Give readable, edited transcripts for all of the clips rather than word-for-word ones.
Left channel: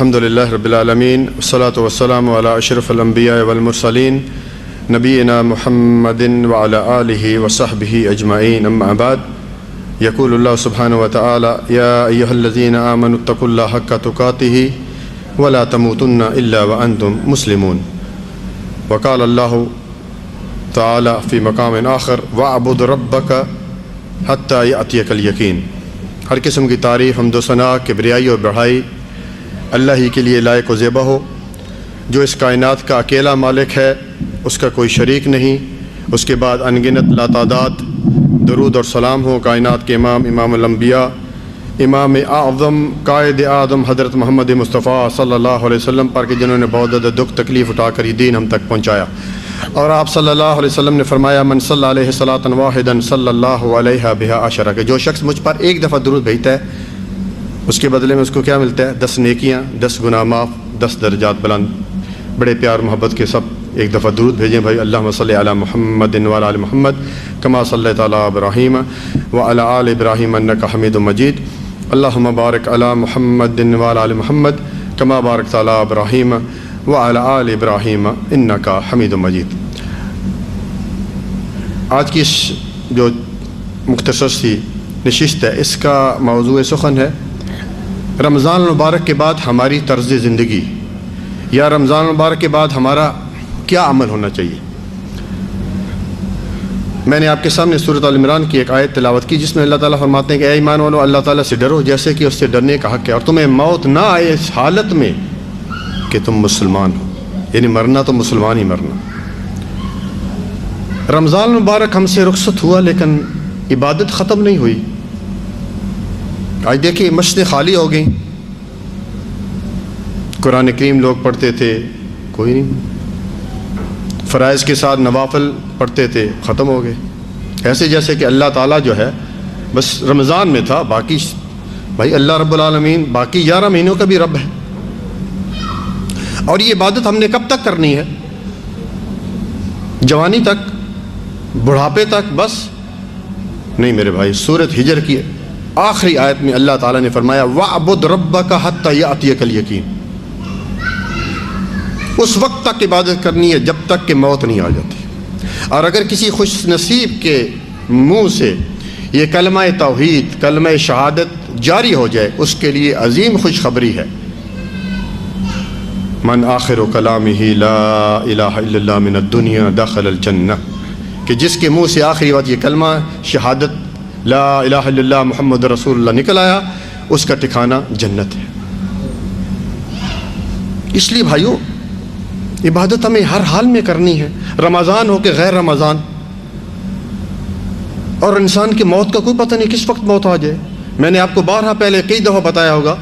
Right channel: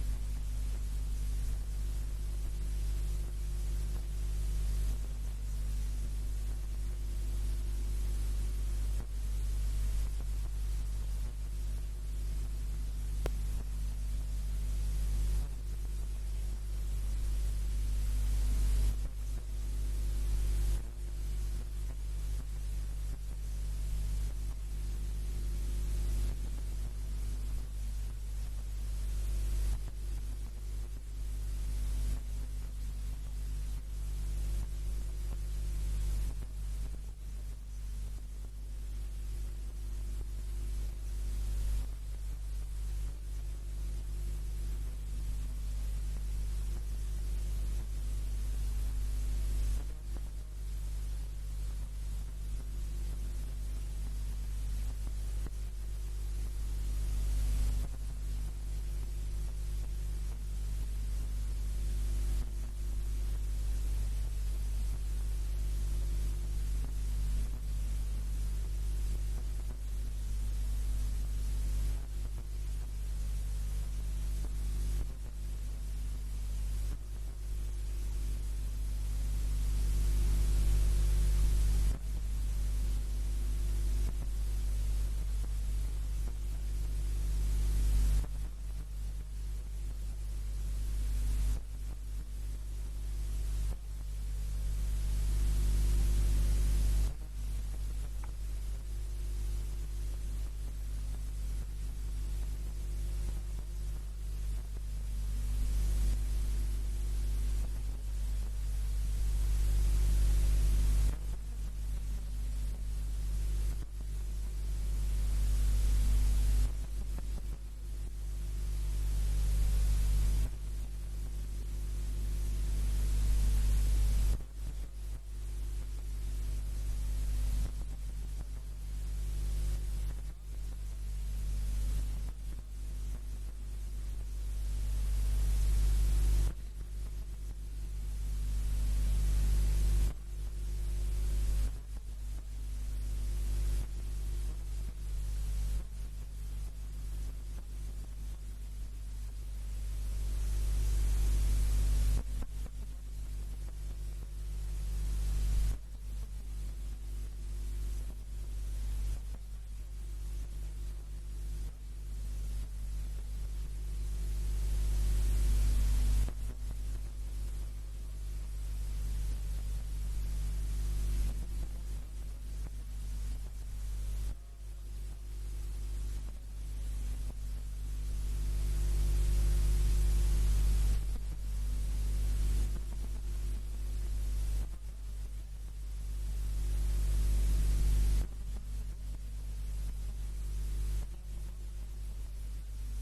الحمد للہ رب العالمین والصلاة والسلام علی اشرف الانبیاء والمرسلین نبینا محمد وعلی آلہ وصحبہ اجمعین اما بعد یقول اللہ سبحانہ وتعالی یا ایہا الذین آمنوا اتقوا اللہ حق تقاتہ ولا تموتن الا وانتم مسلمون وقال اللہ تعالی فی مقام آخر واعبد ربک حتی یأتیک الیقین۔ ہر قسم کی تعریف حمد و ثنا کبریائی اور بڑھائی اللہ ہی کے لیے لائق و زیبا ہو، جو اس کائنات کا اکیلا مالک ہے، اس کا کوئی شریک نہیں۔ اس کے بعد انگنت لاتعداد درود اور سلام ہو کائنات کے امام الانبیاء، امام اعظم قائد اعظم حضرت محمد مصطفیٰ صلی اللہ علیہ وسلم پر کہ جنہوں نے بہت زیادہ دکھ تکلیف اٹھا کر یہ دین ہم تک پہنچایا۔ اور آپ صلی اللہ علیہ وسلم نے فرمایا من صلی علیہ صلاۃ واحدا صلی اللہ علیہ بہا عشرہ، کہ جو شخص مجھ پر ایک دفعہ درود بھیجتا ہے اس کے بدلے میں اس کو کیا ملتا ہے؟ 10 نیکیاں، 10 گناہ معاف، 10 درجات بلند۔ بڑے پیار محبت کے سب ایک دفعہ درود بھیجیں بھائی۔ اللہم صلی علی محمد وعلی آل محمد کما صلیت علی ابراہیم وعلی آل ابراہیم انک حمید مجید۔ اللہم بارک علی محمد وعلی آل محمد کما بارکت علی ابراہیم وعلی آل ابراہیم انک حمید مجید۔ آج کی جو مختصر سی نشست ہے اس کا موضوع سخن ہے رمضان المبارک کے بعد ہماری طرز زندگی، یا رمضان المبارک کے بعد ہمارا کیا عمل ہونا چاہیے۔ میں نے آپ کے سامنے سورۃ آل عمران کی ایک آیت تلاوت کی جس میں اللہ تعالیٰ فرماتے ہیں کہ اے ایمان والو اللہ تعالیٰ سے ڈرو جیسے کہ اس سے ڈرنے کا حق ہے، اور تمہیں موت نہ آئے اس حالت میں کہ تم مسلمان ہو، یعنی مرنا تو مسلمان ہی مرنا۔ رمضان المبارک ہم سے رخصت ہوا لیکن عبادت ختم نہیں ہوئی۔ آج دیکھیں مسجدیں خالی ہو گئیں، قرآن کریم لوگ پڑھتے تھے کوئی نہیں، فرائض کے ساتھ نوافل پڑھتے تھے ختم ہو گئے، ایسے جیسے کہ اللہ تعالیٰ جو ہے بس رمضان میں تھا، باقی بھائی اللہ رب العالمین باقی 11 مہینوں کا بھی رب ہے۔ اور یہ عبادت ہم نے کب تک کرنی ہے؟ جوانی تک، بڑھاپے تک بس نہیں میرے بھائی۔ سورۃ ہجر کی آخری آیت میں اللہ تعالیٰ نے فرمایا وَاعْبُدْ رَبَّكَ حَتَّى يَأْتِيَكَ الْيَقِينُ، اس وقت تک عبادت کرنی ہے جب تک کہ موت نہیں آ جاتی۔ اور اگر کسی خوش نصیب کے منہ سے یہ کلمہ توحید، کلمہ شہادت جاری ہو جائے اس کے لیے عظیم خوشخبری ہے۔ من آخر کلامہ لا الہ الا اللہ من الدنیا دخل الجنہ، کہ جس کے منہ سے آخری بات یہ کلمہ شہادت لا الہ الا اللہ محمد رسول اللہ نکل آیا اس کا ٹھکانہ جنت ہے۔ اس لیے بھائیو عبادت ہمیں ہر حال میں کرنی ہے، رمضان ہو کہ غیر رمضان۔ اور انسان کی موت کا کوئی پتہ نہیں کس وقت موت آ جائے۔ میں نے آپ کو بارہا پہلے کئی دفعہ بتایا ہوگا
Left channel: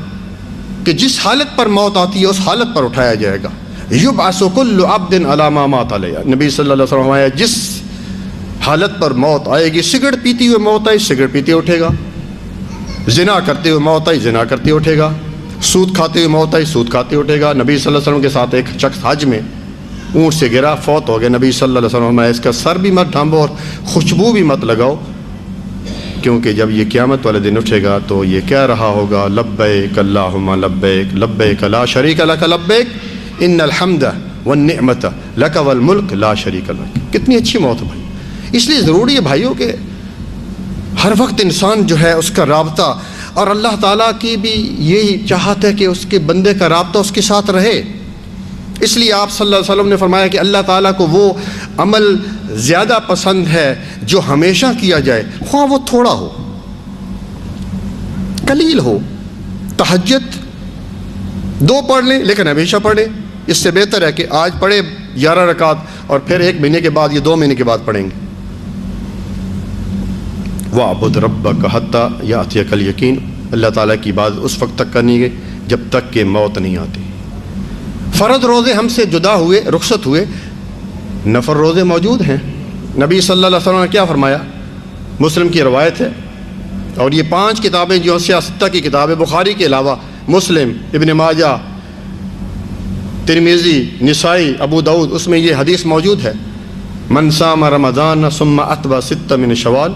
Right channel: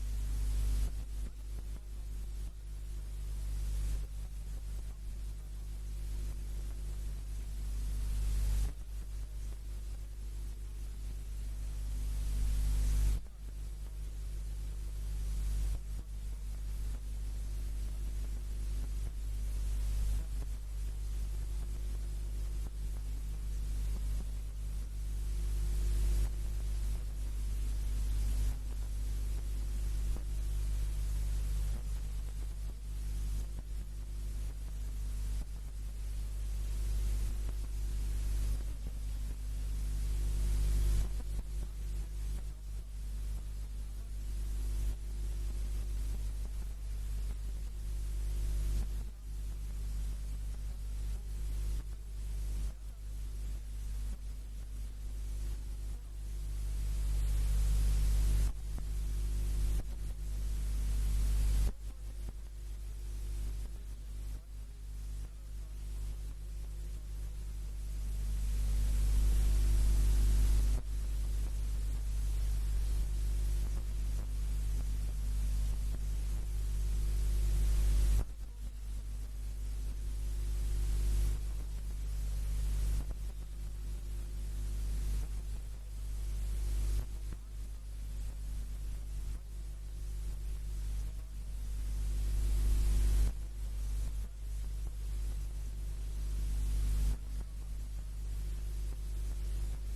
کہ جس حالت پر موت آتی ہے اس حالت پر اٹھایا جائے گا۔ یبعث کل عبد علی ما مات علیہ، نبی صلی اللہ علیہ وسلم فرمایا جس حالت پر موت آئے گی، سگریٹ پیتی ہوئے موت آئی سگریٹ پیتے اٹھے گا، زنا کرتے ہوئے موت آئی زنا کرتے اٹھے گا، سود کھاتے ہوئے موت آئی سود کھاتے اٹھے گا۔ نبی صلی اللہ علیہ وسلم کے ساتھ ایک شخص حج میں اونٹ سے گرا فوت ہو گیا، نبی صلی اللہ علیہ وسلم فرمایا اس کا سر بھی مت ڈھانبو اور خوشبو بھی مت لگاؤ، کیونکہ جب یہ قیامت والے دن اٹھے گا تو یہ کہہ رہا ہوگا لبیک اللہم لبیک لبیک لا شریک لک لبیک ان الحمد والنعمت لک والملک لا شریک لک۔ کتنی اچھی موت بھائی۔ اس لیے ضروری ہے بھائیوں کہ ہر وقت انسان جو ہے اس کا رابطہ، اور اللہ تعالیٰ کی بھی یہی چاہت ہے کہ اس کے بندے کا رابطہ اس کے ساتھ رہے۔ اس لیے آپ صلی اللہ علیہ وسلم نے فرمایا کہ اللہ تعالیٰ کو وہ عمل زیادہ پسند ہے جو ہمیشہ کیا جائے، خواہ وہ تھوڑا ہو قلیل ہو۔ تہجد 2 پڑھ لیں لیکن ہمیشہ پڑھیں، اس سے بہتر ہے کہ آج پڑھے 11 رکعت اور پھر 1 مہینے کے بعد یا 2 مہینے کے بعد پڑھیں گے۔ وَاعْبُدْ رَبَّكَ حَتَّى يَأْتِيَكَ الْيَقِينُ، اللہ تعالیٰ کی بات اس وقت تک کرنی ہے جب تک کہ موت نہیں آتی۔ فرض روزے ہم سے جدا ہوئے، رخصت ہوئے، نفل روزے موجود ہیں۔ نبی صلی اللہ علیہ وسلم نے کیا فرمایا؟ مسلم کی روایت ہے، اور یہ 5 کتابیں جو سیاستہ کی کتاب ہے بخاری کے علاوہ مسلم، ابن ماجہ، ترمذی، نسائی، ابو داؤد، اس میں یہ حدیث موجود ہے من صام رمضان ثم اتبع 6 من شوال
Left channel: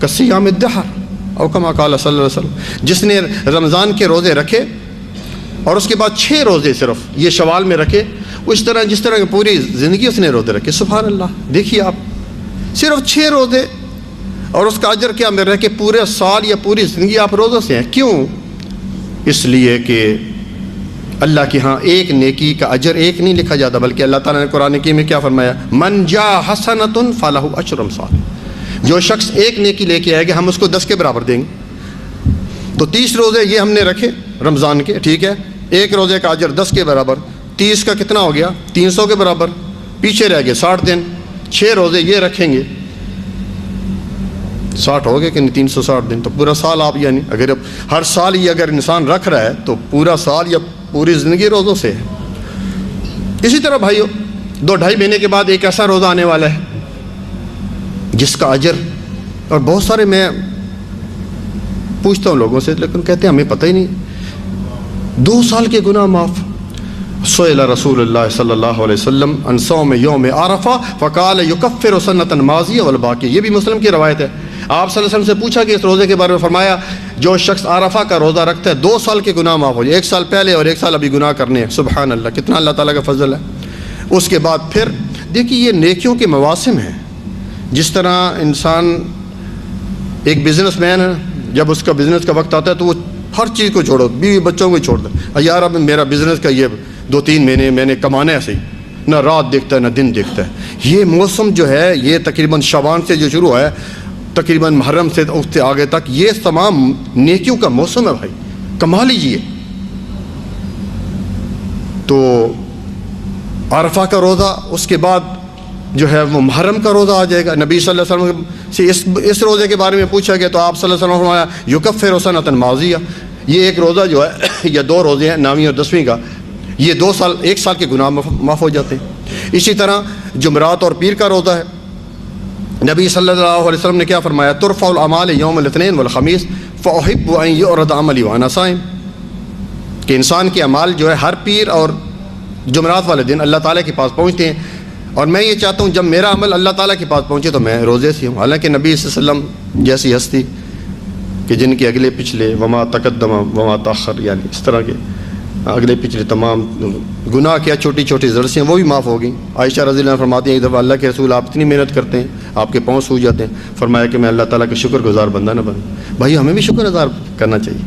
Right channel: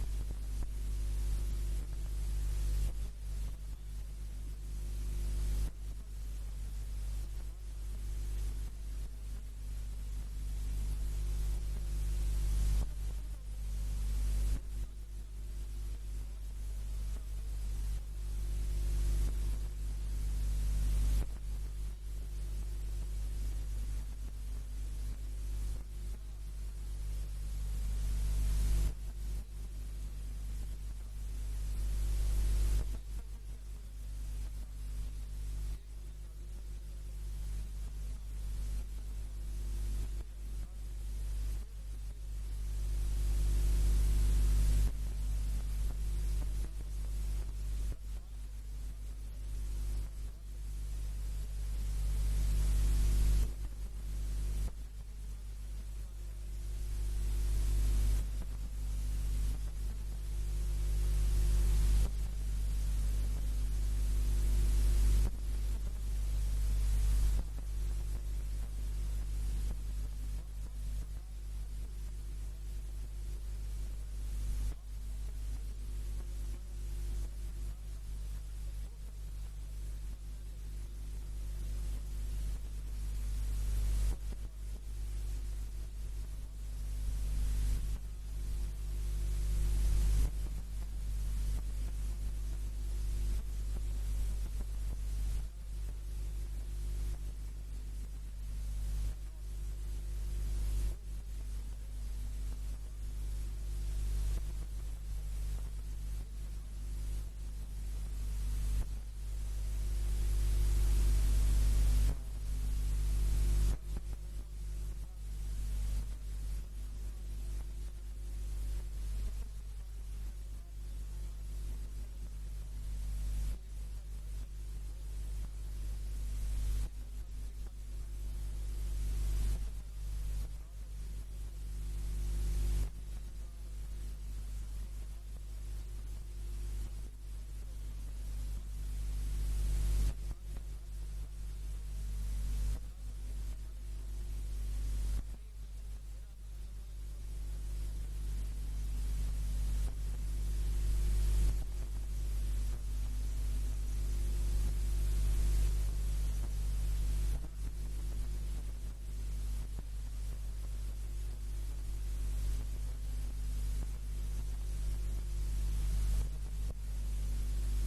کصیام الدہر، او کما قال صلی اللہ علیہ وسلم، جس نے رمضان کے روزے رکھے اور اس کے بعد 6 روزے صرف یہ شوال میں رکھے، اس طرح جس طرح پوری زندگی اس نے روزے رکھے. سبحان اللہ. دیکھیے آپ، صرف 6 روزے اور اس کا اجر کیا میرا ہے کہ پورے سال یا پوری زندگی آپ روزوں سے ہیں. کیوں؟ اس لیے کہ اللہ کے ہاں ایک نیکی کا اجر ایک نہیں لکھا جاتا، بلکہ اللہ تعالیٰ نے قرآن حکیم میں کیا فرمایا؟ من جاء حسنۃ فلہ عشر امثالها. جو شخص ایک نیکی لے کے آئے گا ہم اس کو 10 کے برابر دیں گے. تو 30 روزے یہ ہم نے رکھے رمضان کے، ٹھیک ہے، ایک روزے کا اجر 10 کے برابر، 30 کا کتنا ہو گیا؟ 300 کے برابر. پیچھے رہ گئے 60 دن. 6 روزے یہ رکھیں گے، 60 ہو گئے کہ نہیں؟ 360 دن. تو پورا سال آپ، یعنی اگر ہر سال یہ اگر انسان رکھ رہا ہے تو پورا سال یا پوری زندگی روزوں سے ہے. اسی طرح بھائیو 2-2.5 مہینے کے بعد ایک ایسا روزہ آنے والا ہے جس کا اجر، اور بہت سارے میں پوچھتا ہوں لوگوں سے لیکن کہتے ہیں ہمیں پتہ ہی نہیں. 2 سال کے گناہ معاف. سئل رسول اللہ صلی اللہ علیہ وسلم عن صوم یوم عرفہ فقال یکفر سنۃ ماضیہ والباقی. یہ بھی مسلم کی روایت ہے. آپ صلی اللہ علیہ وسلم سے پوچھا کہ اس روزے کے بارے میں، فرمایا جو شخص عرفہ کا روزہ رکھتا ہے 2 سال کے گناہ معاف ہو جائے، 1 سال پہلے اور 1 سال ابھی گناہ کرنے ہیں. سبحان اللہ، کتنا اللہ تعالیٰ کا فضل ہے. اس کے بعد پھر دیکھیے یہ نیکیوں کے مواسم ہیں. جس طرح انسان ایک بزنس مین ہے، جب اس کا بزنس کا وقت آتا ہے تو وہ ہر چیز کو چھوڑو، بیوی بچوں کو چھوڑ دے. یار اب میرا بزنس کا یہ 2-3 مہینے میں نے کمانا ہے، صحیح نہ رات دیکھتا ہے نہ دن دیکھتا ہے. یہ موسم جو ہے یہ تقریباً شعبان سے جو شروع ہے تقریباً محرم سے اس سے آگے تک یہ تمام نیکیوں کا موسم ہے. بھائی کما لیجیے. تو عرفہ کا روزہ، اس کے بعد جو ہے وہ محرم کا روزہ آ جائے گا. نبی صلی اللہ علیہ وسلم سے اس روزے کے بارے میں پوچھا گیا تو آپ صلی اللہ علیہ وسلم نے فرمایا یکفر سنۃ ماضیہ. یہ ایک روزہ جو ہے یا 2 روزے ہیں، 9ویں اور 10ویں کا، یہ 2 سال 1 سال کے گناہ معاف ہو جاتے ہیں. اسی طرح جمعرات اور پیر کا روزہ ہے. نبی صلی اللہ علیہ وسلم نے کیا فرمایا؟ ترفع الاعمال یوم الاثنین والخمیس فاحب ان یعرض عملی وانا صائم. کہ انسان کے اعمال جو ہے ہر پیر اور جمعرات والے دن اللہ تعالیٰ کے پاس پہنچتے ہیں، اور میں یہ چاہتا ہوں جب میرا عمل اللہ تعالیٰ کے پاس پہنچے تو میں روزے سے ہوں. حالانکہ نبی صلی اللہ علیہ وسلم جیسی ہستی کہ جن کے اگلے پچھلے وما تقدم وما تاخر، یعنی اس طرح کے اگلے پچھلے تمام گناہ کیا چھوٹی چھوٹی ذرسیاں وہ بھی معاف ہو گئیں. عائشہ رضی اللہ عنہ فرماتی ہیں ایک دفعہ اللہ کے رسول آپ اتنی محنت کرتے ہیں آپ کے پاؤں سوج جاتے ہیں، فرمایا کہ میں اللہ تعالیٰ کا شکر گزار بندہ نہ بنوں. بھائی ہمیں بھی شکر گزار کرنا چاہیے.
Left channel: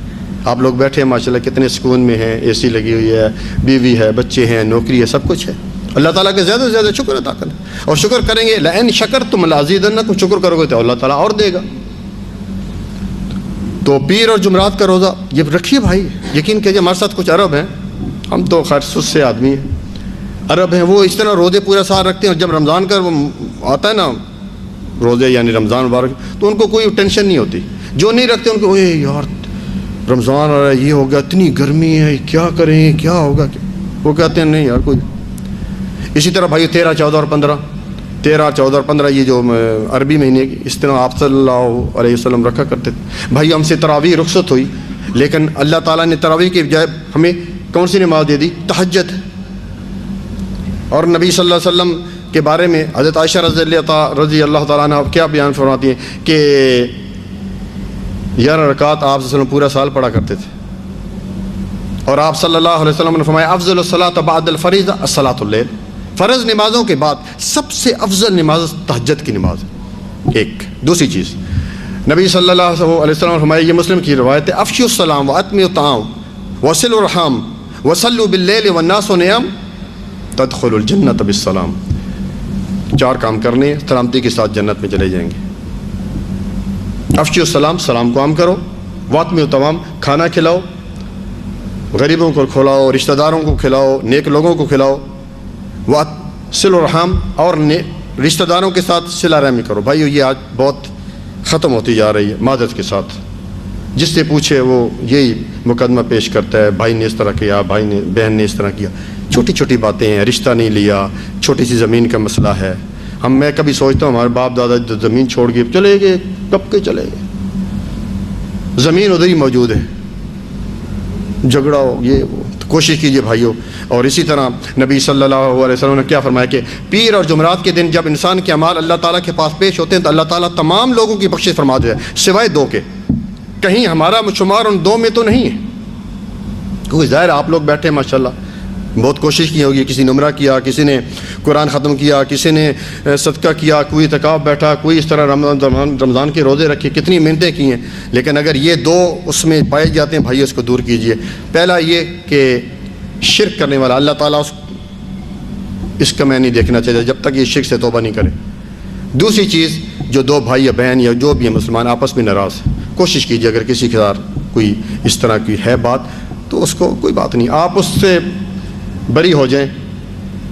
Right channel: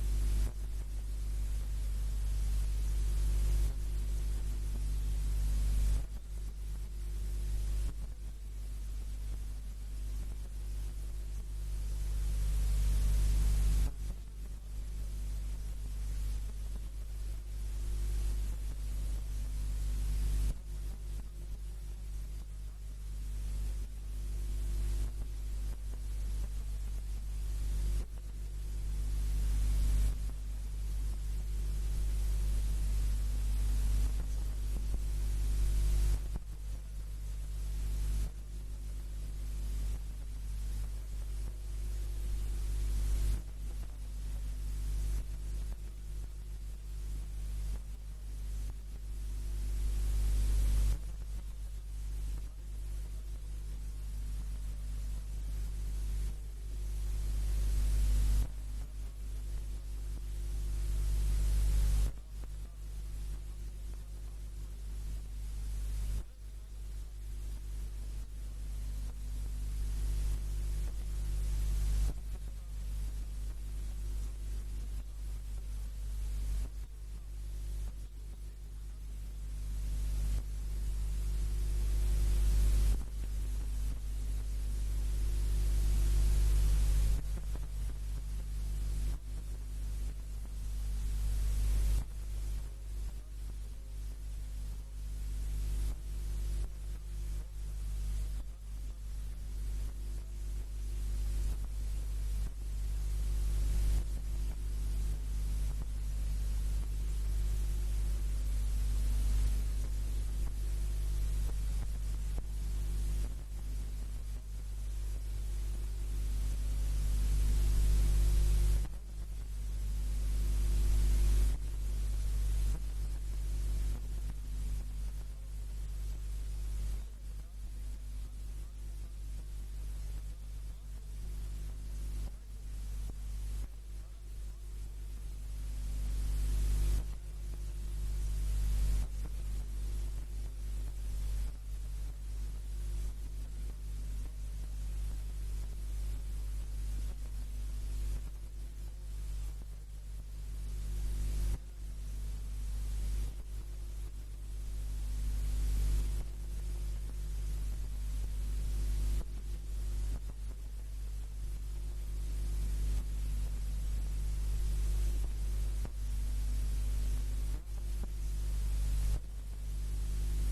آپ لوگ بیٹھے ہیں ماشاءاللہ کتنے سکون میں ہیں، اے سی لگی ہوئی ہے، بیوی ہے، بچے ہیں، نوکری ہے، سب کچھ ہے. اللہ تعالیٰ کے زیادہ سے زیادہ شکر ادا کریں، اور شکر کریں گے لئن شکرتم لازیدنکم، شکر کرو گے تو اللہ تعالیٰ اور دے گا. تو پیر اور جمعرات کا روزہ یہ رکھیے بھائی. یقین کیجیے ہمارے ساتھ کچھ عرب ہیں، ہم تو خیر سست سے آدمی ہیں، عرب ہیں، وہ اس طرح روزے پورا سال رکھتے ہیں. اور جب رمضان کا آتا ہے نا روزے یعنی رمضان مبارک، تو ان کو کوئی ٹینشن نہیں ہوتی. جو نہیں رکھتے ان کو اے یار رمضان آ رہا ہے، یہ ہو گیا، اتنی گرمی ہے، کیا کریں، کیا ہوگا. وہ کہتے ہیں نہیں یار کوئی. اسی طرح بھائی 13، 14 اور 15، 13، 14 اور 15 یہ جو عربی مہینے کی، اس طرح آپ صلی اللہ علیہ وسلم رکھا کرتے تھے. بھائی ہم سے تراویح رخصت ہوئی، لیکن اللہ تعالیٰ نے تراویح کے بجائے ہمیں کون سی نماز دے دی؟ تہجد. اور نبی صلی اللہ علیہ وسلم کے بارے میں حضرت عائشہ رضی اللہ تعالیٰ عنہ کیا بیان فرماتی ہیں کہ 11 رکعت آپ صلی اللہ علیہ وسلم پورا سال پڑھا کرتے تھے. اور آپ صلی اللہ علیہ وسلم نے فرمایا افضل الصلاۃ بعد الفریضہ الصلاۃ اللیل. فرض نمازوں کے بعد سب سے افضل نماز تہجد کی نماز ہے. ایک دوسری چیز نبی صلی اللہ علیہ وسلم نے فرمایا، یہ مسلم کی روایت ہے، افشوا السلام واطعموا الطعام وصلوا الرحم وصلوا باللیل والناس نیام تدخلوا الجنۃ بالسلام. 4 کام کرنے سلامتی کے ساتھ جنت میں چلے جائیں گے. افشوا السلام، سلام کو عام کرو، واطعموا الطعام، کھانا کھلاؤ، غریبوں کو کھلاؤ، رشتہ داروں کو کھلاؤ، نیک لوگوں کو کھلاؤ، وصلوا الرحم، اور رشتہ داروں کے ساتھ صلہ رحمی کرو. بھائیو یہ آج بہت ختم ہوتی جا رہی ہے معذرت کے ساتھ. جس سے پوچھے وہ یہی مقدمہ پیش کرتا ہے، بھائی نے اس طرح کیا، بھائی نے بہن نے اس طرح کیا. چھوٹی چھوٹی باتیں ہیں، رشتہ نہیں لیا، چھوٹی سی زمین کا مسئلہ ہے. میں کبھی سوچتا ہوں ہمارے باپ دادا زمین چھوڑ کے چلے گئے، کب کے چلے گئے، زمین ادھر ہی موجود ہے، جھگڑا ہو یہ وہ. کوشش کیجئے بھائیو. اور اسی طرح نبی صلی اللہ علیہ وسلم نے کیا فرمایا کہ پیر اور جمعرات کے دن جب انسان کے اعمال اللہ تعالیٰ کے پاس پیش ہوتے ہیں تو اللہ تعالیٰ تمام لوگوں کی بخشش فرما دیتا ہے سوائے 2 کے. کہیں ہمارا شمار ان 2 میں تو نہیں ہے. کیونکہ ظاہر آپ لوگ بیٹھے ہیں ماشاءاللہ، بہت کوشش کی ہوگی، کسی نے عمرہ کیا، کسی نے قرآن ختم کیا، کسی نے صدقہ کیا، کوئی اعتکاف بیٹھا، کوئی اس طرح رمضان کے روزے رکھے، کتنی محنتیں کی ہیں. لیکن اگر یہ دو اس میں پائے جاتے ہیں بھائی، اس کو دور کیجئے. پہلا یہ کہ شرک کرنے والا اللہ تعالیٰ اس کا میں نہیں دیکھنا چاہیے جب تک یہ شرک سے توبہ نہیں کرے. دوسری چیز، جو دو بھائی یا بہن یا جو بھی ہیں مسلمان آپس میں ناراض ہیں، کوشش کیجئے اگر کسی کے ساتھ کوئی اس طرح کی ہے بات تو اس کو کوئی بات نہیں، آپ اس سے بری ہو جائیں،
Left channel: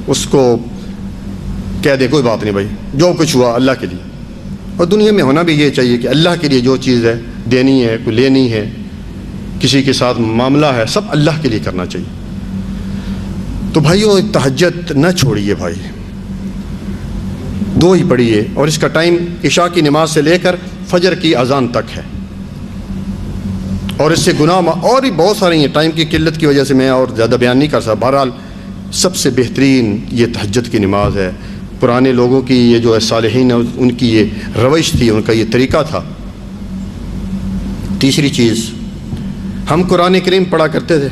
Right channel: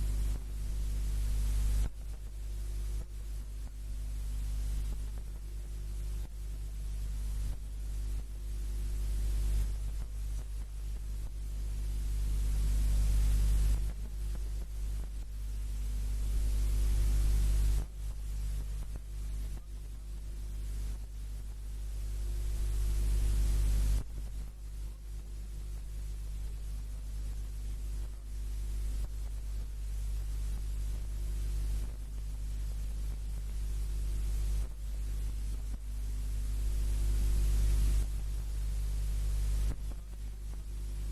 اس کو کہہ دیں کوئی بات نہیں بھائی، جو کچھ ہوا اللہ کے لیے. اور دنیا میں ہونا بھی یہ چاہیے کہ اللہ کے لیے جو چیز ہے دینی ہے، کوئی لینی ہے، کسی کے ساتھ معاملہ ہے، سب اللہ کے لیے کرنا چاہیے. تو بھائیو تہجد نہ چھوڑیے بھائی، دو ہی پڑھیے، اور اس کا ٹائم عشاء کی نماز سے لے کر فجر کی اذان تک ہے. اور اس سے گناہ اور بھی بہت سارے ہیں، ٹائم کی قلت کی وجہ سے میں اور زیادہ بیان نہیں کر سکتا. بہرحال سب سے بہترین یہ تہجد کی نماز ہے. پرانے لوگوں کی یہ جو صالحین ہیں ان کی یہ روش تھی، ان کا یہ طریقہ تھا. تیسری چیز، ہم قرآن کریم پڑھا کرتے تھے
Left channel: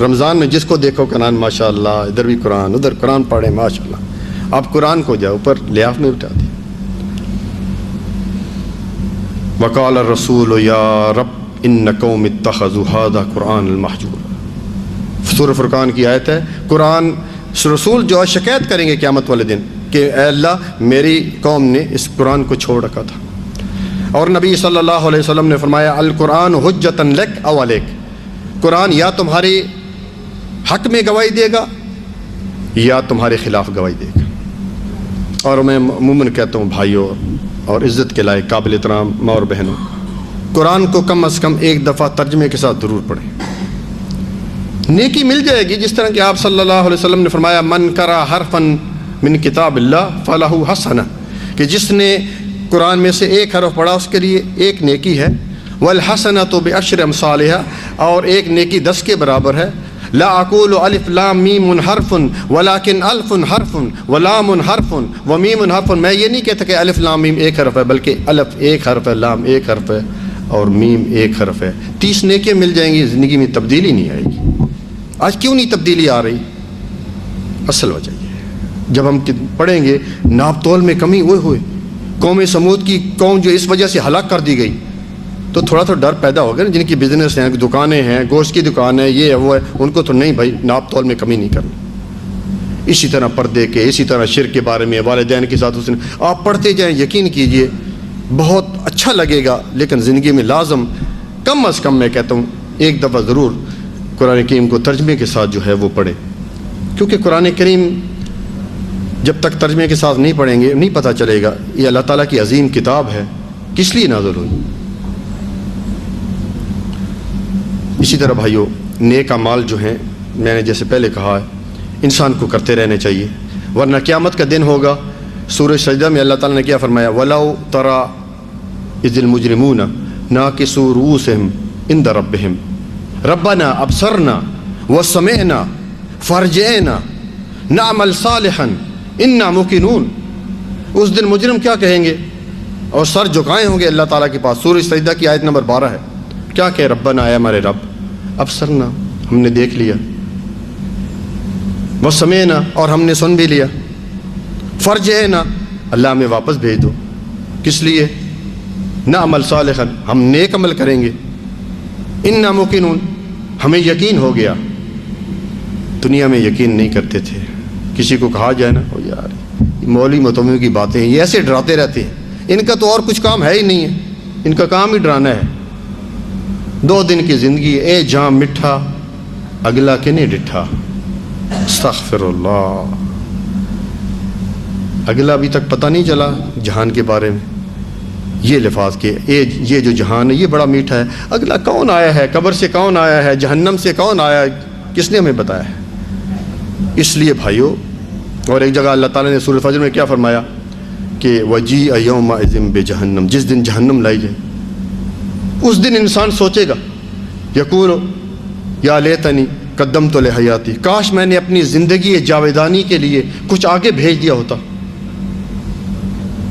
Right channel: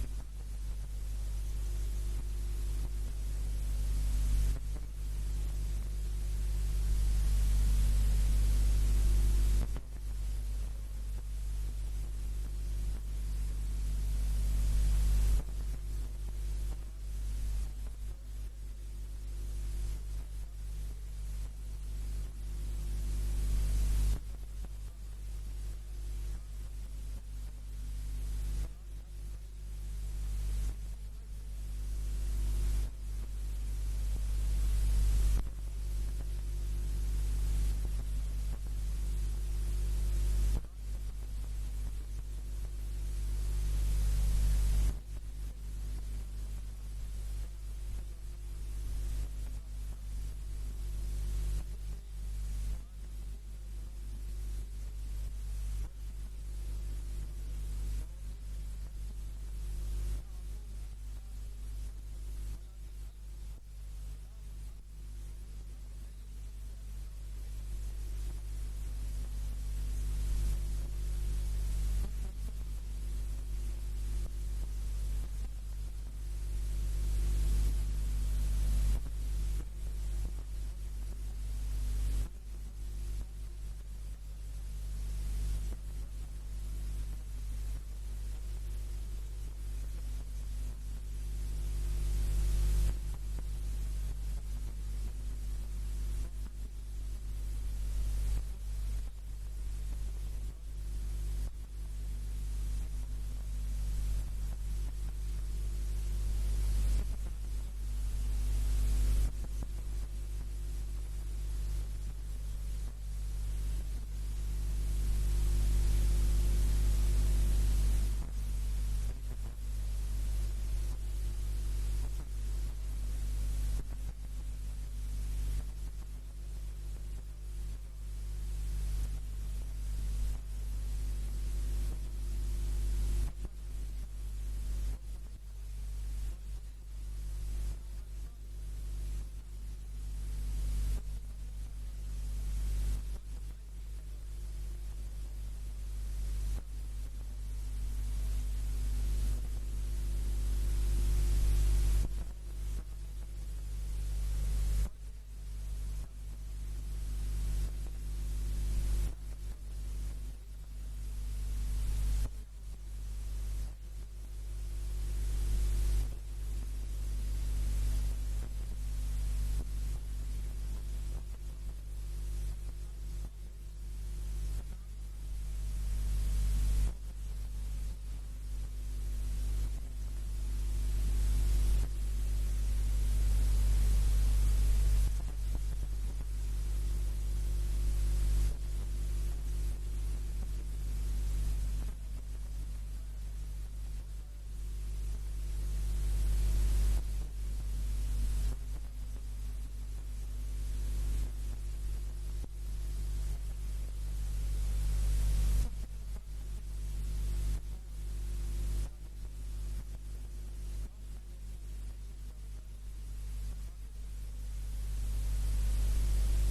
رمضان میں، جس کو دیکھو قرآن ماشاء اللہ، ادھر بھی قرآن ادھر قرآن پڑھے ماشاء اللہ. اب قرآن کو جاؤ اوپر لیاف میں اٹھا دی. وقال الرسول یا رب ان قوم اتخذوا هذا قرآن المحجور. سورہ فرقان کی آیت ہے. قرآن رسول جو ہے شکایت کریں گے قیامت والے دن کہ اے اللہ میری قوم نے اس قرآن کو چھوڑ رکھا تھا. اور نبی صلی اللہ علیہ وسلم نے فرمایا القرآن حجۃ لک او علیک، قرآن یا تمہاری حق میں گواہی دے گا یا تمہارے خلاف گواہی دے گا. اور میں عموماً کہتا ہوں بھائیوں اور عزت کے لائق قابل احترام ماں اور بہنوں، قرآن کو کم از کم ایک دفعہ ترجمے کے ساتھ ضرور پڑھیں، نیکی مل جائے گی. جس طرح کہ آپ صلی اللہ علیہ وسلم نے فرمایا من قرأ حرفا من کتاب اللہ فلہ حسنہ، کہ جس نے قرآن میں سے ایک حرف پڑھا اس کے لیے ایک نیکی ہے. والحسنۃ بعشر امثالھا، اور ایک نیکی 10 کے برابر ہے. لا اقول الف لام میم حرف ولکن الف حرف ولام حرف ومیم حرف. میں یہ نہیں کہتا کہ الف لام میم ایک حرف ہے، بلکہ الف ایک حرف ہے، لام ایک حرف ہے اور میم ایک حرف ہے. 30 نیکیاں مل جائیں گی، زندگی میں تبدیلی نہیں آئے گی. آج کیوں نہیں تبدیلی آ رہی؟ اصل وجہ یہ ہے جب ہم پڑھیں گے ناپ تول میں کمی ہوئے قوم سمود کی قوم جو اس وجہ سے ہلاک کر دی گئی، تو تھوڑا تو ڈر پیدا ہو گیا نا. جن کی بزنس ہیں، دکانیں ہیں، گوشت کی دکان ہے، یہ ہے وہ ہے، ان کو تو نہیں بھائی ناپ تول میں کمی نہیں کرنی. اسی طرح پردے کے، اسی طرح شرک کے بارے میں، والدین کے ساتھ آپ پڑھتے جائیں، یقین کیجئے بہت اچھا لگے گا. لیکن زندگی میں لازم کم از کم میں کہتا ہوں ایک دفعہ ضرور قرآن کریم کو ترجمے کے ساتھ جو ہے وہ پڑھیں. کیونکہ قرآن کریم جب تک ترجمے کے ساتھ نہیں پڑھیں گے نہیں پتہ چلے گا یہ اللہ تعالیٰ کی عظیم کتاب ہے، کس لیے نازل ہوئی. اسی طرح بھائیو نیک اعمال جو ہیں میں نے جیسے پہلے کہا ہے انسان کو کرتے رہنے چاہیے، ورنہ قیامت کا دن ہوگا. سورہ سجدہ میں اللہ تعالیٰ نے کیا فرمایا؟ وَلَوْ تَرَى إِذِ الْمُجْرِمُونَ نَاكِسُو رُؤُوسِهِمْ عِنْدَ رَبِّهِمْ رَبَّنَا أَبْصَرْنَا وَسَمِعْنَا فَارْجِعْنَا نَعْمَلْ صَالِحًا إِنَّا مُوقِنُونَ. اس دن مجرم کیا کہیں گے اور سر جھکائے ہوں گے اللہ تعالیٰ کے پاس. سورہ سجدہ کی آیت نمبر 12 ہے. کیا کہ ربنا اے ہمارے رب، ابصرنا ہم نے دیکھ لیا، وسمعنا اور ہم نے سن بھی لیا، فرجعنا اللہ ہمیں واپس بھیج دو. کس لیے؟ نعمل صالحا ہم نیک عمل کریں گے، انا موقنون ہمیں یقین ہو گیا. دنیا میں یقین نہیں کرتے تھے. کسی کو کہا جائے نا او یار مولوی متولیوں کی باتیں ہیں، یہ ایسے ڈراتے رہتے ہیں، ان کا تو اور کچھ کام ہے ہی نہیں ہے، ان کا کام ہی ڈرانا ہے. 2 دن کی زندگی اے جام مٹھا اگلا کنے ڈٹھا. استغفر اللہ. اگلا ابھی تک پتہ نہیں چلا جہان کے بارے میں. یہ لفاظ کہ یہ جو جہان ہے یہ بڑا میٹھا ہے، اگلا کون آیا ہے، قبر سے کون آیا ہے، جہنم سے کون آیا ہے، کس نے ہمیں بتایا ہے. اس لیے بھائیو، اور ایک جگہ اللہ تعالیٰ نے سورہ فجر میں کیا فرمایا کہ وَجِیءَ یَوْمَئِذٍ بِجَہَنَّمَ، جس دن جہنم لائی جائے اس دن انسان سوچے گا یقول یا لیتنی قدمت لحیاتی، کاش میں نے اپنی زندگی جاویدانی کے لیے کچھ آگے بھیج دیا ہوتا.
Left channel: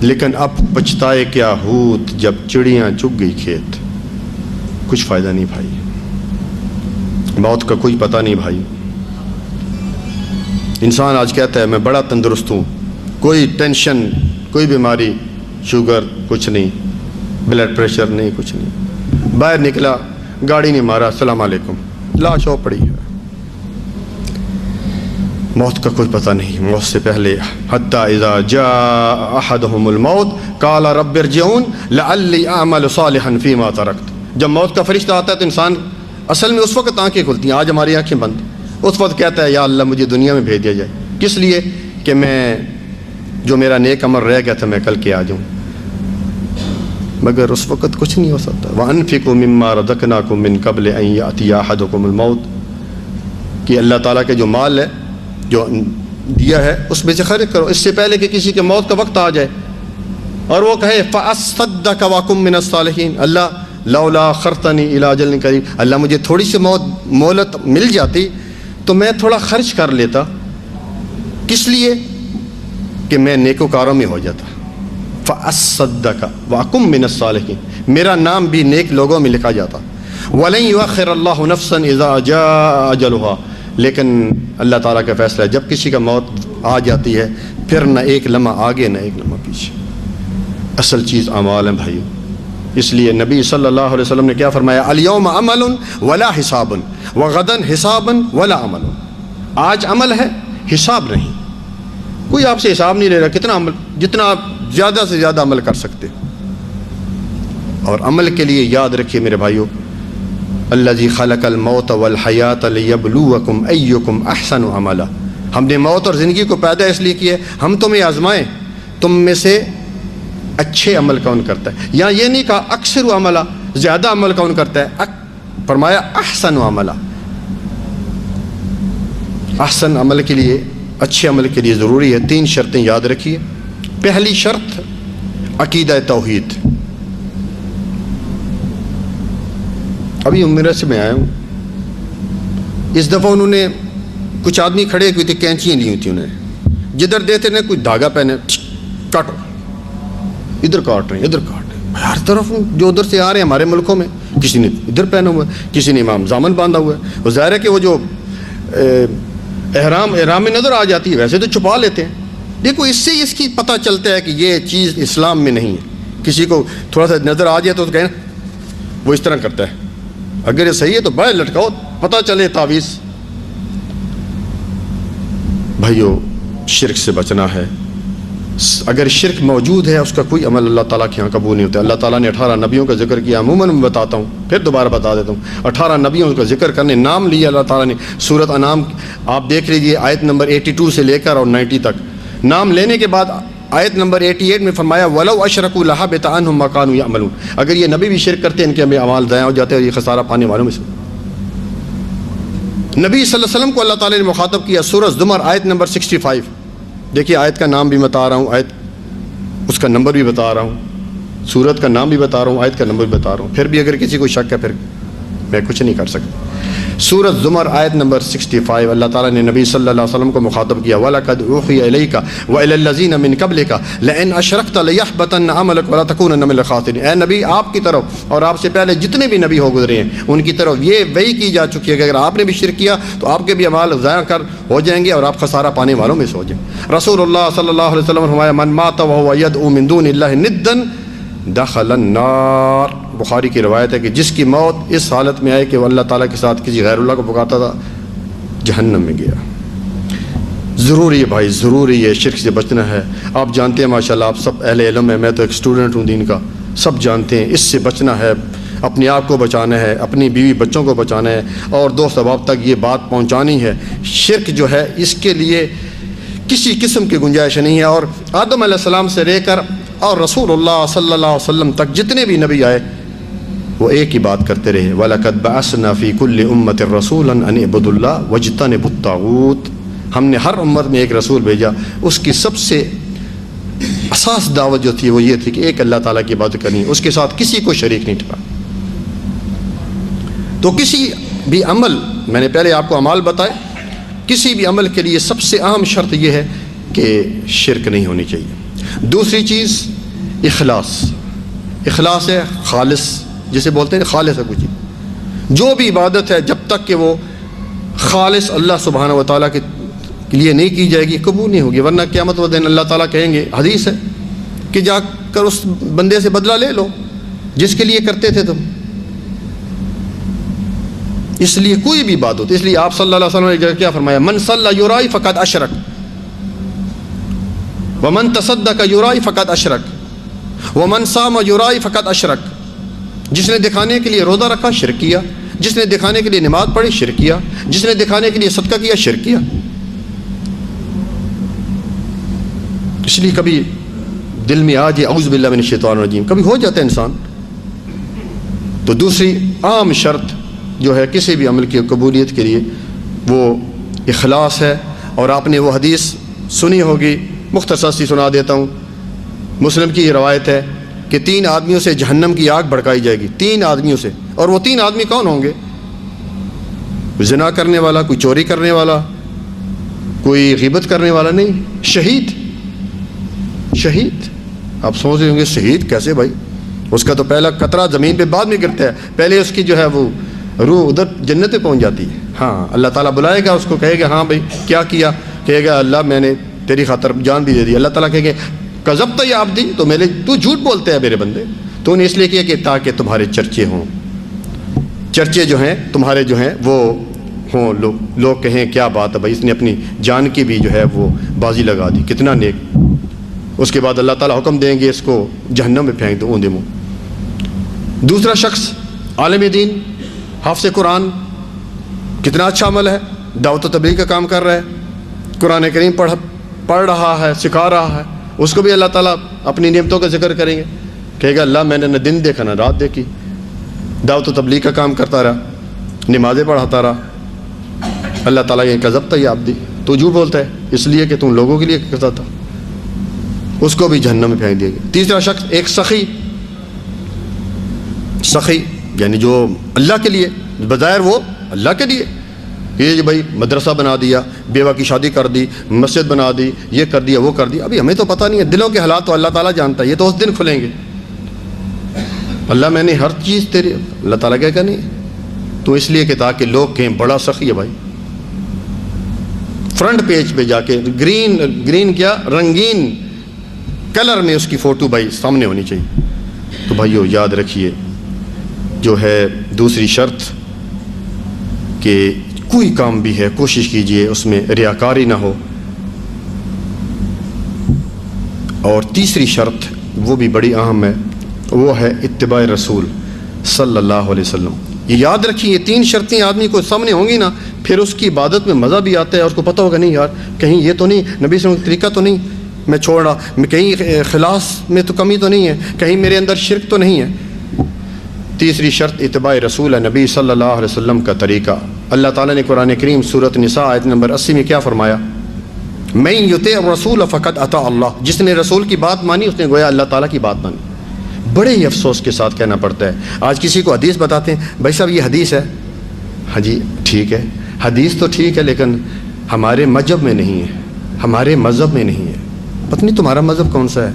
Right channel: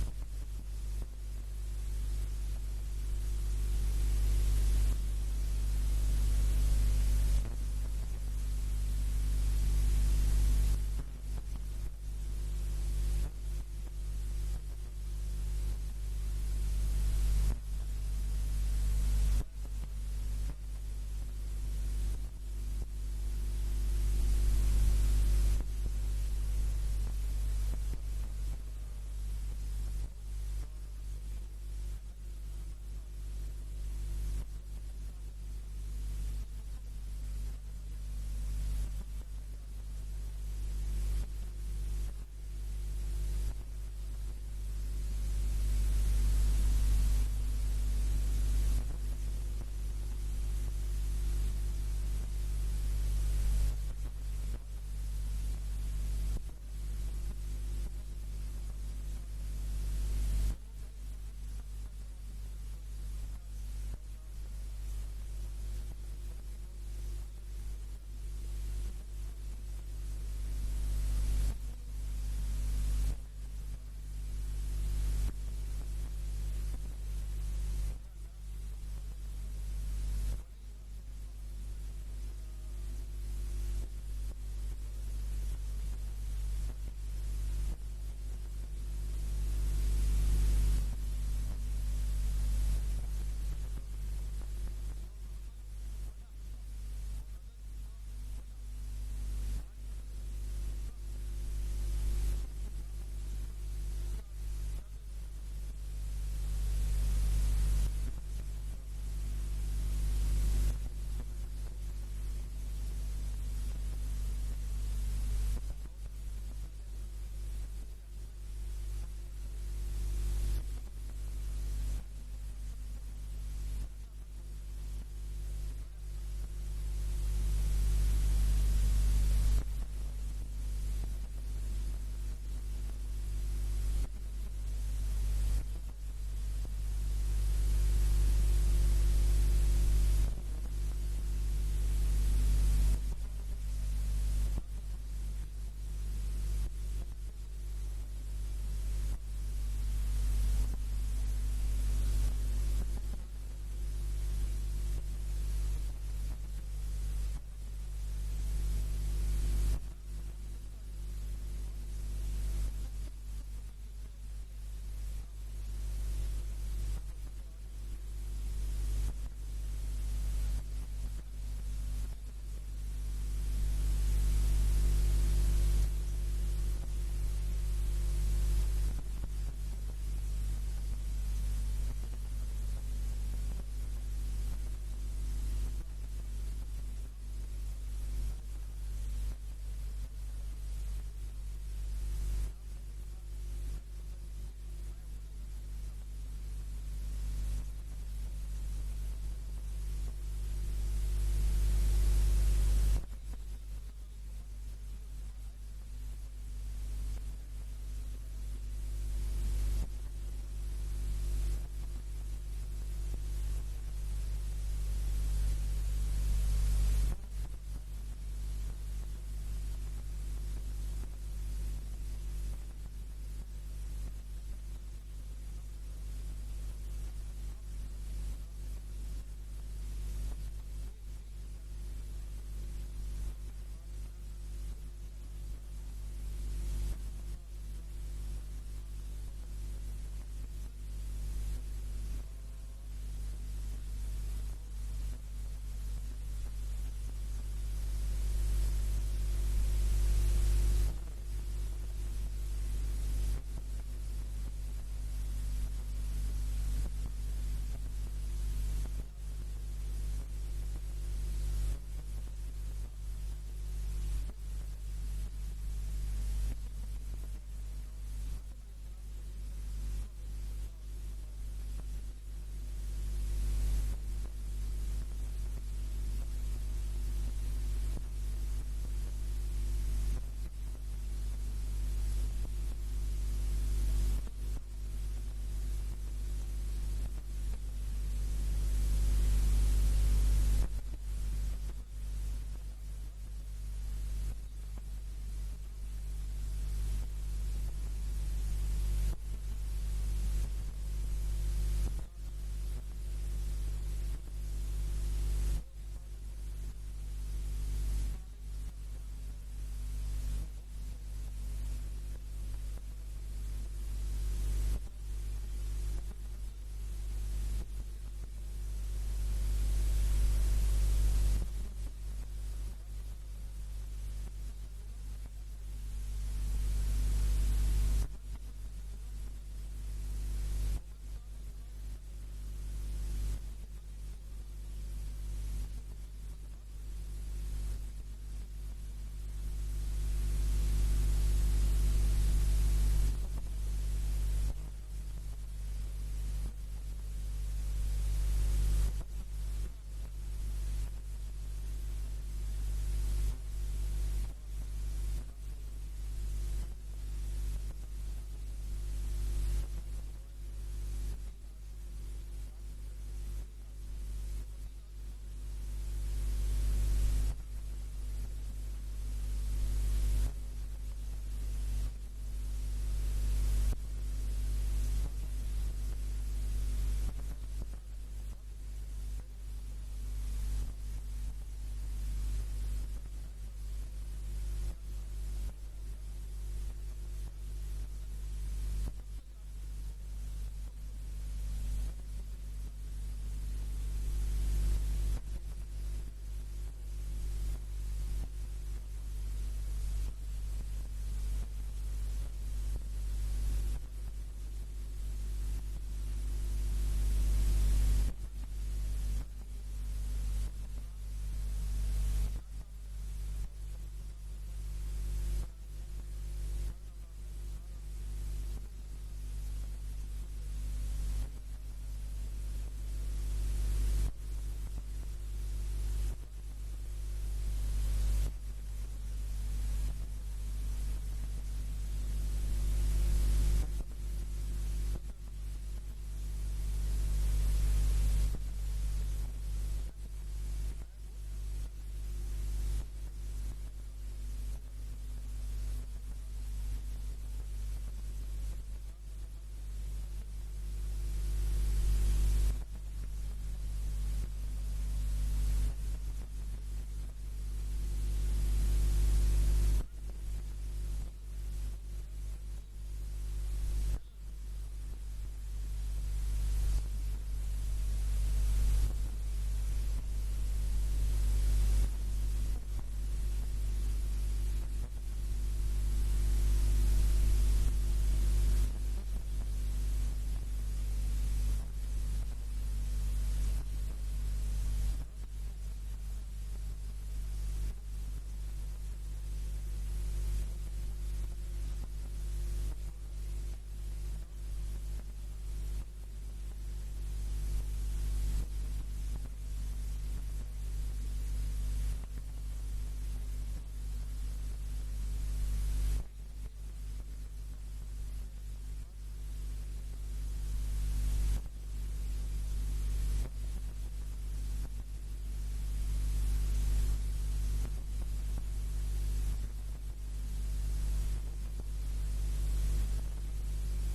لیکن اب پچھتائے کیا ہوت جب چڑیاں چگ گئی کھیت. کچھ فائدہ نہیں بھائی. موت کا کوئی پتہ نہیں بھائی. انسان آج کہتا ہے میں بڑا تندرست ہوں, کوئی ٹینشن, کوئی بیماری, شوگر کچھ نہیں, بلڈ پریشر نہیں, کچھ نہیں. باہر نکلا, گاڑی نہیں مارا, السلام علیکم, لاش ہو پڑی ہے. موت کا کوئی پتہ نہیں. موت سے پہلے حتی اذا جاء احدهم الموت قال رب ارجعون لعلی اعمل صالحا فیما ترکت. جب موت کا فرشتہ آتا ہے تو انسان اصل میں اس وقت آنکھیں کھلتی ہیں, آج ہماری آنکھیں بند. اس وقت کہتا ہے یا اللہ مجھے دنیا میں بھیج دیا جائے. کس لیے؟ کہ میں جو میرا نیک عمل رہ گیا تھا میں کل کے آ جاؤں. مگر اس وقت کچھ نہیں ہو سکتا. وَأَنفِقُوا مِمَّا رَزَقْنَاكُم مِّن قَبْلِ أَن يَأْتِيَ أَحَدَكُمُ الْمَوْتُ کہ اللہ تعالیٰ کے جو مال ہے جو دیا ہے اس میں سے خرچ کرو اس سے پہلے کہ کسی کے موت کا وقت آ جائے. اور وہ کہے فَأَصَّدَّقَ وَأَكُن مِّنَ الصَّالِحِينَ, اللہ لولا أَخَّرْتَنِي إِلَىٰ أَجَلٍ قَرِيبٍ, اللہ مجھے تھوڑی سی مہلت مل جاتی تو میں تھوڑا خرچ کر لیتا. کس لیے؟ کہ میں نیکوکاروں میں ہو جاتا. فَأَصَّدَّقَ وَأَكُن مِّنَ الصَّالِحِينَ, میرا نام بھی نیک لوگوں میں لکھا جاتا. وَلَن يُؤَخِّرَ اللَّهُ نَفْسًا إِذَا جَاءَ أَجَلُهَا, لیکن اللہ تعالیٰ کا فیصلہ ہے جب کسی کا موت آ جاتی ہے پھر نہ ایک لمحہ آگے نہ ایک لمحہ پیچھے. اصل چیز اعمال ہیں بھائیو. اس لیے نبی صلی اللہ علیہ وسلم نے کیا فرمایا؟ الیوم عمل ولا حساب وغدا حساب ولا عمل. آج عمل ہے, حساب نہیں. کوئی آپ سے حساب نہیں لے رہا کتنا عمل, جتنا آپ زیادہ سے زیادہ عمل کر سکتے. اور عمل کے لیے یاد رکھیے میرے بھائیو, الذی خلق الموت والحیات لیبلوکم ایکم احسن عملا. ہم نے موت اور زندگی کو پیدا اس لیے کیا ہے ہم تمہیں آزمائیں تم میں سے اچھے عمل کون کرتا ہے. یا یہ نہیں کہا اکثر عملہ, زیادہ عمل کون کرتا ہے, فرمایا احسن عملہ. احسن عمل کے لیے, اچھے عمل کے لیے ضروری ہے 3 شرطیں یاد رکھیے. پہلی شرط عقیدہ توحید. ابھی عمرہ سے میں آیا ہوں, اس دفعہ انہوں نے کچھ آدمی کھڑے ہوئے تھے, کینچیاں لی ہوئی تھیں انہوں نے, جدھر دیتے نے کچھ دھاگا پہنے کاٹو, ادھر کاٹ رہے ہیں ادھر کاٹ رہے ہیں. ہر طرف جو ادھر سے آ رہے ہیں ہمارے ملکوں میں کسی نے ادھر پہنا ہوا ہے, کسی نے امام زامن باندھا ہوا ہے. وہ ظاہر ہے کہ وہ جو احرام میں نظر آ جاتی ہے ویسے تو چھپا لیتے ہیں. دیکھو اس سے اس کی پتہ چلتا ہے کہ یہ چیز اسلام میں نہیں ہے. کسی کو تھوڑا سا نظر آ جائے تو کہیں وہ اس طرح کرتا ہے, اگر یہ صحیح ہے تو باہر لٹکاؤ پتہ چلے تعویذ. بھائیو شرک سے بچنا ہے. اگر شرک موجود ہے اس کا کوئی عمل اللہ تعالیٰ کے یہاں قبول نہیں ہوتا. اللہ تعالیٰ نے 18 نبیوں کا ذکر کیا, عموماً میں بتاتا ہوں پھر دوبارہ بتا دیتا ہوں. 18 نبیوں کا ذکر کرنے نام لیا اللہ تعالیٰ نے. سورۃ انعام آپ دیکھ لیجیے آیت نمبر 82 سے لے کر اور 90 تک. نام لینے کے بعد آیت نمبر 88 میں فرمایا وَلَوْ أَشْرَكُوا لَحَبِطَ عَنْهُمْ مَا كَانُوا يَعْمَلُونَ. اگر یہ نبی بھی شرک کرتے ہیں ان کے اعمال ضائع ہو جاتے ہیں اور یہ خسارہ پانے والوں میں سے. نبی صلی اللہ علیہ وسلم کو اللہ تعالیٰ نے مخاطب کیا سورۃ زمر آیت نمبر 65. دیکھیے آیت کا نام بھی بتا رہا ہوں, آیت اس کا نمبر بھی بتا رہا ہوں, سورت کا نام بھی بتا رہا ہوں, آیت کا نمبر بھی بتا رہا ہوں. پھر بھی اگر کسی کو شک ہے پھر میں کچھ نہیں کر سکتا. سورۃ زمر آیت نمبر 65 اللہ تعالیٰ نے نبی صلی اللہ علیہ وسلم کو مخاطب کیا وَلَقَدْ أُوحِيَ إِلَيْكَ وَإِلَى الَّذِينَ مِن قَبْلِكَ لَئِنْ أَشْرَكْتَ لَيَحْبَطَنَّ عَمَلُكَ وَلَتَكُونَنَّ مِنَ الْخَاسِرِينَ. اے نبی آپ کی طرف اور آپ سے پہلے جتنے بھی نبی ہو گزرے ہیں ان کی طرف یہ وحی کی جا چکی ہے کہ اگر آپ نے بھی شرک کیا تو آپ کے بھی اعمال ضائع کر ہو جائیں گے اور آپ خسارہ پانے والوں میں سے ہو جائیں. رسول اللہ صلی اللہ علیہ وسلم نے فرمایا من مات وهو يدعو من دون الله ندا دخل النار. بخاری کی روایت ہے کہ جس کی موت اس حالت میں آئے کہ وہ اللہ تعالیٰ کے ساتھ کسی غیر اللہ کو پکارتا تھا جہنم میں گیا. ضروری ہے بھائی, ضروری ہے شرک سے بچنا ہے. آپ جانتے ہیں ماشاءاللہ آپ سب اہل علم ہیں, میں تو ایک اسٹوڈنٹ ہوں دین کا, سب جانتے ہیں اس سے بچنا ہے. اپنے آپ کو بچانا ہے, اپنی بیوی بچوں کو بچانا ہے اور دوست احباب تک یہ بات پہنچانی ہے. شرک جو ہے اس کے لیے کسی قسم کی گنجائش نہیں ہے. اور آدم علیہ السلام سے لے کر اور رسول اللہ صلی اللہ علیہ وسلم تک جتنے بھی نبی آئے وہ ایک ہی بات کرتے رہے وَلَقَدْ بَعَثْنَا فِي كُلِّ أُمَّةٍ رَسُولًا أَنِ اعْبُدُوا اللَّهَ وَاجْتَنِبُوا الطَّاغُوتَ. ہم نے ہر امت میں ایک رسول بھیجا, اس کی سب سے اساس دعوت جو تھی وہ یہ تھی کہ ایک اللہ تعالیٰ کی عبادت کرنی, اس کے ساتھ کسی کو شریک نہیں ٹھہرانا. تو کسی بھی عمل, میں نے پہلے آپ کو اعمال بتائے, کسی بھی عمل کے لیے سب سے اہم شرط یہ ہے کہ شرک نہیں ہونی چاہیے. دوسری چیز اخلاص. اخلاص ہے خالص, جسے بولتے ہیں خالص ہے کچھ. جو بھی عبادت ہے جب تک کہ وہ خالص اللہ سبحانہ و تعالیٰ کے لیے نہیں کی جائے گی قبول نہیں ہوگی، ورنہ قیامت و دن اللہ تعالیٰ کہیں گے، حدیث ہے کہ جا کر اس بندے سے بدلہ لے لو جس کے لیے کرتے تھے تم۔ اس لیے کوئی بھی عبادت، اس لیے آپ صلی اللہ علیہ وسلم نے کیا فرمایا، من صلی یرائی فقد اشرک ومن تصدق یرائی فقد اشرک ومن صام یرائی فقد اشرک۔ جس نے دکھانے کے لیے روزہ رکھا شرک کیا، جس نے دکھانے کے لیے نماز پڑھی شرک کیا، جس نے دکھانے کے لیے صدقہ کیا شرک کیا۔ اس لیے کبھی دل میں آ جائے اعوذ باللہ من الشیطان الرجیم، کبھی ہو جاتا ہے انسان۔ تو دوسری عام شرط جو ہے کسی بھی عمل کی قبولیت کے لیے وہ اخلاص ہے۔ اور آپ نے وہ حدیث سنی ہوگی، مختصر سی سنا دیتا ہوں، مسلم کی روایت ہے کہ 3 آدمیوں سے جہنم کی آگ بھڑکائی جائے گی، 3 آدمیوں سے۔ اور وہ 3 آدمی کون ہوں گے؟ زنا کرنے والا، کوئی چوری کرنے والا، کوئی غیبت کرنے والا نہیں، شہید۔ شہید آپ سوچ رہے ہوں گے شہید کیسے بھائی؟ اس کا تو پہلا قطرہ زمین پہ بعد میں گرتا ہے، پہلے اس کی جو ہے وہ روح ادھر جنت پہ پہنچ جاتی ہے۔ ہاں اللہ تعالیٰ بلائے گا اس کو، کہے گا ہاں بھائی کیا کیا؟ کہے گا اللہ میں نے تیری خاطر جان بھی دے دی۔ اللہ تعالیٰ کہے گا کذبت یا عبدی، تو جھوٹ بولتے ہیں میرے بندے، تو نے اس لیے کیا کہ تاکہ تمہارے چرچے ہوں، چرچے جو ہیں تمہارے جو ہیں وہ ہوں، لوگ کہیں کیا بات ہے بھائی، اس نے اپنی جان کی بھی جو ہے وہ بازی لگا دی، کتنا نیک۔ اس کے بعد اللہ تعالیٰ حکم دیں گے اس کو جہنم میں پھینک دو اوندے منہ۔ دوسرا شخص عالم دین، حافظ قرآن، کتنا اچھا عمل ہے، دعوت و تبلیغ کا کام کر رہا ہے، قرآن کریم پڑھ رہا ہے، سکھا رہا ہے، اس کو بھی اللہ تعالیٰ اپنی نعمتوں کا ذکر کریں گے، کہے گا اللہ میں نے نہ دن دیکھا نہ رات دیکھی، دعوت و تبلیغ کا کام کرتا رہا، نمازیں پڑھاتا رہا۔ اللہ تعالیٰ یہ کذبت یا عبدی، تو جھوٹ بولتا ہے اس لیے کہ تم لوگوں کے لیے کرتا تھا، اس کو بھی جہنم میں پھینک دیا گیا۔ تیسرا شخص ایک سخی یعنی جو اللہ کے لیے، بظاہر وہ اللہ کے لیے، یہ بھائی مدرسہ بنا دیا، بیوہ کی شادی کر دی، مسجد بنا دی، یہ کر دیا وہ کر دیا، ابھی ہمیں تو پتہ نہیں ہے، دلوں کے حالات تو اللہ تعالیٰ جانتا ہے، یہ تو اس دن کھلیں گے۔ اللہ میں نے ہر چیز تیری، اللہ تعالیٰ کہے گا نہیں، تو اس لیے کہ تاکہ لوگ کہیں بڑا سخی ہے بھائی، فرنٹ پیج پہ جا کے گرین کیا رنگین کلر میں اس کی فوٹو بھائی سامنے ہونی چاہیے۔ تو بھائیو یاد رکھیے جو ہے دوسری شرط کہ کوئی کام بھی ہے کوشش کیجئے اس میں ریاکاری نہ ہو، اور تیسری شرط وہ بھی بڑی اہم ہے، وہ ہے اتباع رسول صلی اللہ علیہ وسلم۔ یہ یاد رکھیے یہ 3 شرطیں آدمی کو سامنے ہوں گی نا، پھر اس کی عبادت میں مزہ بھی آتا ہے، اور اس کو پتہ ہوگا نہیں یار کہیں یہ تو نہیں نبی صلی اللہ علیہ وسلم کا طریقہ تو نہیں میں چھوڑ رہا، کہیں خلاص میں تو کمی تو نہیں ہے، کہیں میرے اندر شرک تو نہیں ہے۔ تیسری شرط اتباع رسول ہے، نبی صلی اللہ علیہ وسلم کا طریقہ۔ اللہ تعالیٰ نے قرآن کریم سورۃ نساء آیت نمبر 80 میں کیا فرمایا؟ من یطع الرسول فقد اطاع اللہ، جس نے رسول کی بات مانی اس نے گویا اللہ تعالیٰ کی بات مانی۔ بڑے ہی افسوس کے ساتھ کہنا پڑتا ہے، آج کسی کو حدیث بتاتے ہیں بھائی صاحب یہ حدیث ہے، ہاں جی ٹھیک ہے حدیث تو ٹھیک ہے لیکن ہمارے مذہب میں نہیں ہے، ہمارے مذہب میں نہیں ہے، پتہ نہیں تمہارا مذہب کون سا ہے۔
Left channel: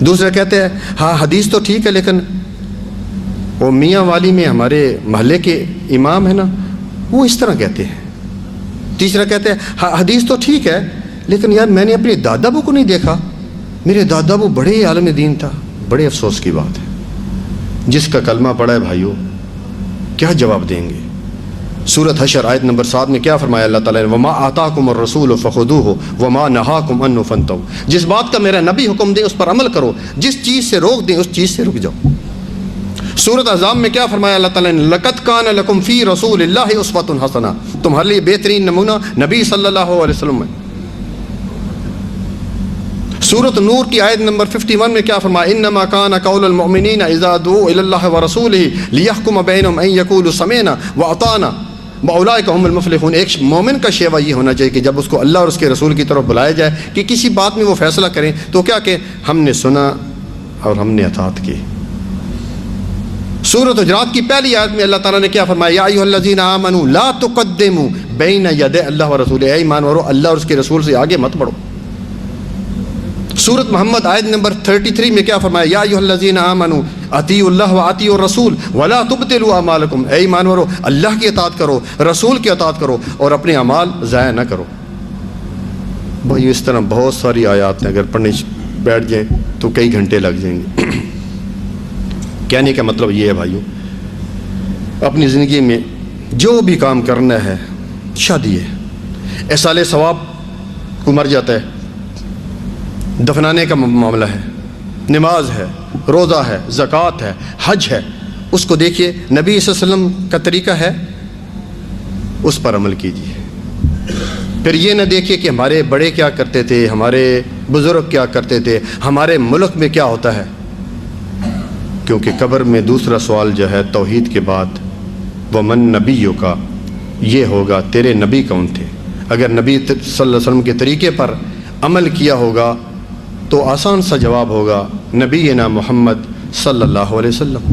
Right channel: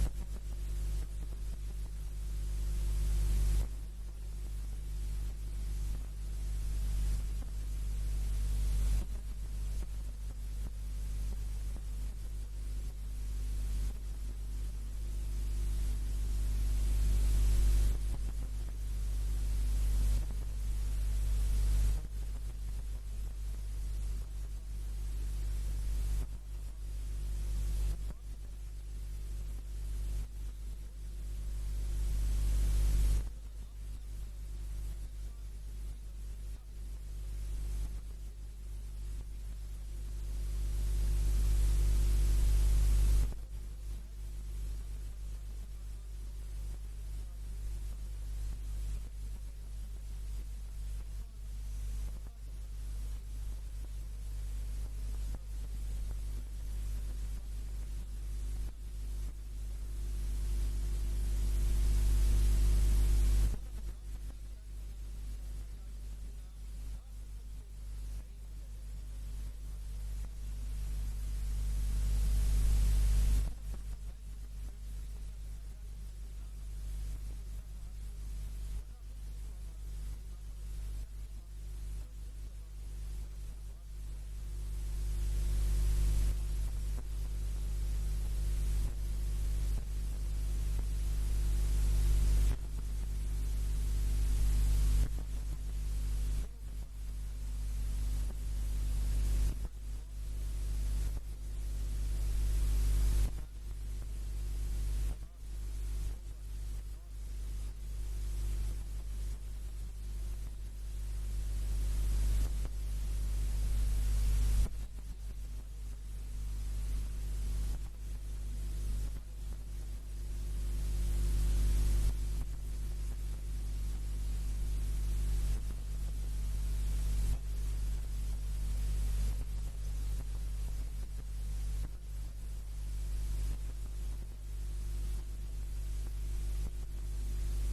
دوسرے کہتے ہیں ہاں حدیث تو ٹھیک ہے لیکن وہ میاں والی میں ہمارے محلے کے امام ہیں نا وہ اس طرح کہتے ہیں۔ تیسرا کہتے ہیں ہاں حدیث تو ٹھیک ہے لیکن یار میں نے اپنے دادا ابو کو نہیں دیکھا، میرے دادا ابو بڑے عالم دین تھا۔ بڑے افسوس کی بات ہے، جس کا کلمہ پڑھا ہے بھائیو کیا جواب دیں گے؟ سورۃ حشر آیت نمبر 7 میں کیا فرمایا اللہ تعالیٰ نے؟ وما آتاکم الرسول فخذوہ وما نہاکم عنہ فانتہوا، جس بات کا میرا نبی حکم دے اس پر عمل کرو، جس چیز سے روک دیں اس چیز سے رک جاؤ۔ سورۃ احزاب میں کیا فرمایا اللہ تعالیٰ نے؟ لقد کان لکم فی رسول اللہ اسوۃ حسنہ، تمہارے لیے بہترین نمونہ نبی صلی اللہ علیہ وسلم ہے۔ سورۃ نور کی آیت نمبر 51 میں کیا فرمایا؟ انما کان قول المؤمنین اذا دعوا الی اللہ ورسولہ لیحکم بینہم ان یقولوا سمعنا واطعنا واولئک هم المفلحون۔ ایک مومن کا شیوا یہ ہونا چاہیے کہ جب اس کو اللہ اور اس کے رسول کی طرف بلایا جائے کہ کسی بات میں وہ فیصلہ کریں تو کیا کہ ہم نے سنا اور ہم نے اطاعت کی۔ سورۃ حجرات کی پہلی آیت میں اللہ تعالیٰ نے کیا فرمایا؟ یا ایھا الذین آمنوا لا تقدموا بین یدی اللہ ورسولہ، اے ایمان والو اللہ اور اس کے رسول سے آگے مت بڑھو۔ سورۃ محمد آیت نمبر 33 میں کیا فرمایا؟ یا ایھا الذین آمنوا اطیعوا اللہ واطیعوا الرسول ولا تبطلوا اعمالکم، اے ایمان والو اللہ کی اطاعت کرو، رسول کی اطاعت کرو اور اپنے اعمال ضائع نہ کرو۔ بھائی اس طرح بہت ساری آیات ہیں، اگر پڑھنے بیٹھ جائیں تو کئی گھنٹے لگ جائیں گے۔ کہنے کا مطلب یہ ہے بھائیو، اپنی زندگی میں جو بھی کام کرنا ہے، شادی ہے، ایصال ثواب کو مر جاتا ہے، دفنانے کا معاملہ ہے، نماز ہے، روزہ ہے، زکوٰۃ ہے، حج ہے، اس کو دیکھیے نبی صلی اللہ علیہ وسلم کا طریقہ ہے، اس پر عمل کیجیے۔ پھر یہ نہ دیکھیے کہ ہمارے بڑے کیا کرتے تھے، ہمارے بزرگ کیا کرتے تھے، ہمارے ملک میں کیا ہوتا ہے، کیونکہ قبر میں دوسرا سوال جو ہے توحید کے بعد ومن نبیوں کا یہ ہوگا، تیرے نبی کون تھے۔ اگر نبی صلی اللہ علیہ وسلم کے طریقے پر عمل کیا ہوگا تو آسان سا جواب ہوگا نبینا محمد صلی اللہ علیہ وسلم۔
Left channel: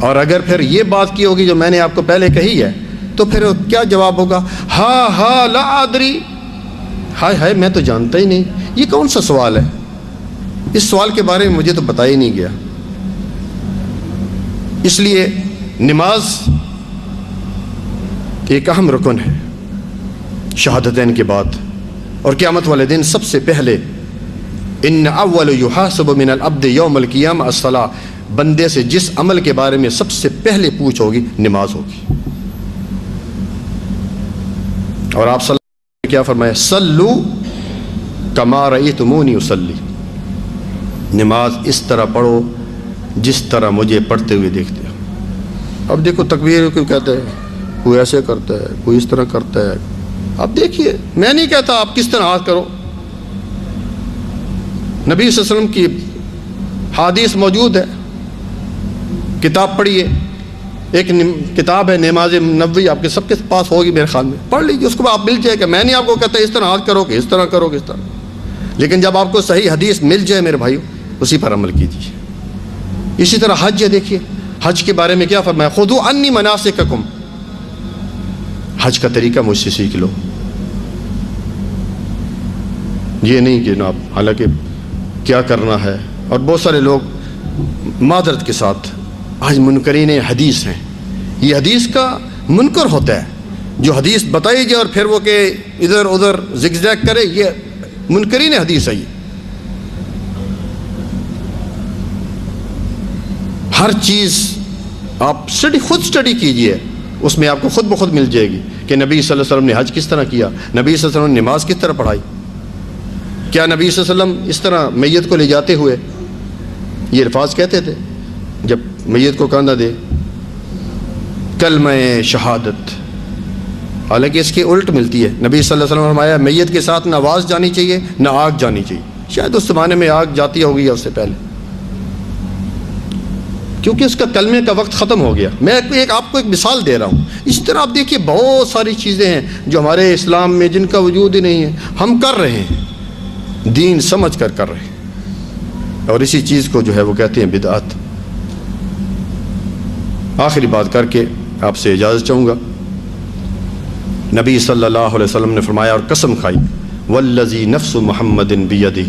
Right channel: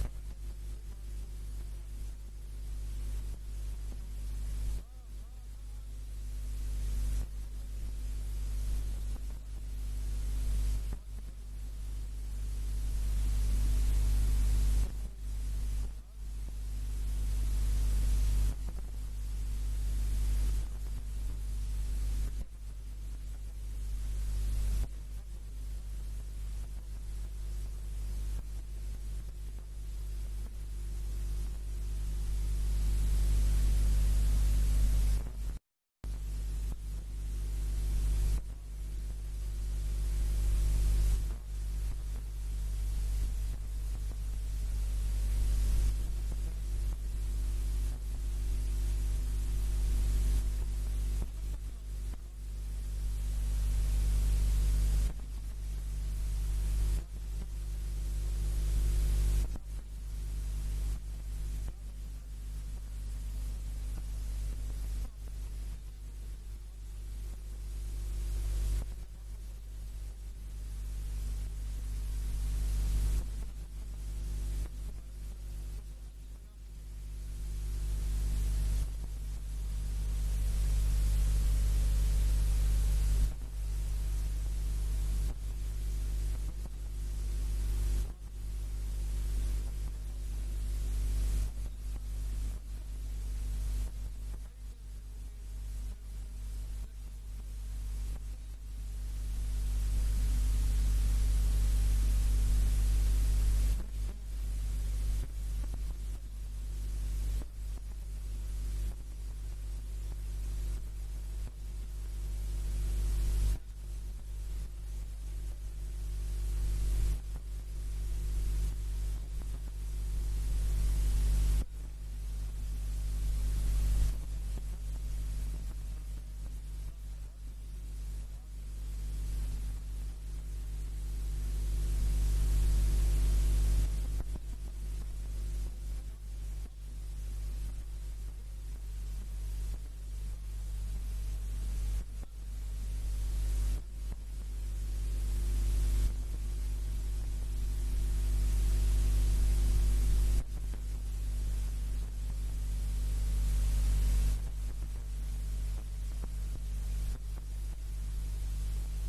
اور اگر پھر یہ بات کی ہوگی جو میں نے آپ کو پہلے کہی ہے تو پھر کیا جواب ہوگا؟ ہاں لا ادری، ہائے ہائے میں تو جانتا ہی نہیں۔ یہ کون سا سوال ہے؟ اس سوال کے بارے میں مجھے تو بتایا ہی نہیں گیا۔ اس لیے نماز ایک اہم رکن ہے شہادتین کے بعد، اور قیامت والے دن سب سے پہلے ان اول یحاسب من العبد یوم القیامہ الصلاۃ، بندے سے جس عمل کے بارے میں سب سے پہلے پوچھ ہوگی نماز ہوگی۔ اور آپ صلی اللہ علیہ وسلم نے کیا فرمایا؟ صلو کما رأیتمونی اصلی، نماز اس طرح پڑھو جس طرح مجھے پڑھتے ہوئے دیکھتے ہو۔ اب دیکھو تکبیر کوئی کہتا ہے، کوئی ایسے کرتا ہے، کوئی اس طرح کرتا ہے۔ اب دیکھیے میں نہیں کہتا آپ کس طرح ہاتھ کرو، نبی صلی اللہ علیہ وسلم کی حدیث موجود ہے، کتاب پڑھیے، ایک کتاب ہے نماز نبوی، آپ کے سب کے پاس ہوگی میرے خیال میں، پڑھ لیجیے، اس کو آپ مل جائے کہ میں نہیں آپ کو کہتا اس طرح ہاتھ کرو کہ اس طرح کرو کہ اس طرح، لیکن جب آپ کو صحیح حدیث مل جائے میرے بھائیو اسی پر عمل کیجیے۔ اسی طرح حج ہے، دیکھیے حج کے بارے میں کیا فرمایا؟ خذوا عنی مناسککم، حج کا طریقہ مجھ سے سیکھ لو۔ یہ نہیں کہ جناب حالانکہ کیا کرنا ہے، اور بہت سارے لوگ معذرت کے ساتھ آج منکرین حدیث ہیں، یہ حدیث کا منکر ہوتا ہے، جو حدیث بتائی جائے اور پھر وہ کہ ادھر ادھر زگ زیگ کرے، یہ منکرین حدیث ہے۔ یہ ہر چیز آپ خود اسٹڈی کیجئے، اس میں آپ کو خود بخود مل جائے گی کہ نبی صلی اللہ علیہ وسلم نے حج کس طرح کیا، نبی صلی اللہ علیہ وسلم نے نماز کس طرح پڑھائی، کیا نبی صلی اللہ علیہ وسلم اس طرح میت کو لے جاتے ہوئے یہ الفاظ کہتے تھے جب میت کو کاندھا دے کلمہ شہادت، حالانکہ اس کی الٹ ملتی ہے۔ نبی صلی اللہ علیہ وسلم نے فرمایا میت کے ساتھ نہ آواز جانی چاہیے نہ آگ جانی چاہیے، شاید اس زمانے میں آگ جاتی ہوگی یا اس سے پہلے، کیونکہ اس کا کلمے کا وقت ختم ہو گیا۔ میں آپ کو ایک مثال دے رہا ہوں، اس طرح آپ دیکھیے بہت ساری چیزیں ہیں جو ہمارے اسلام میں جن کا وجود ہی نہیں ہے، ہم کر رہے ہیں، دین سمجھ کر کر رہے ہیں، اور اسی چیز کو جو ہے وہ کہتے ہیں بدعت۔ آخری بات کر کے آپ سے اجازت چاہوں گا، نبی صلی اللہ علیہ وسلم نے فرمایا اور قسم کھائی، والذی نفس محمد بیدہ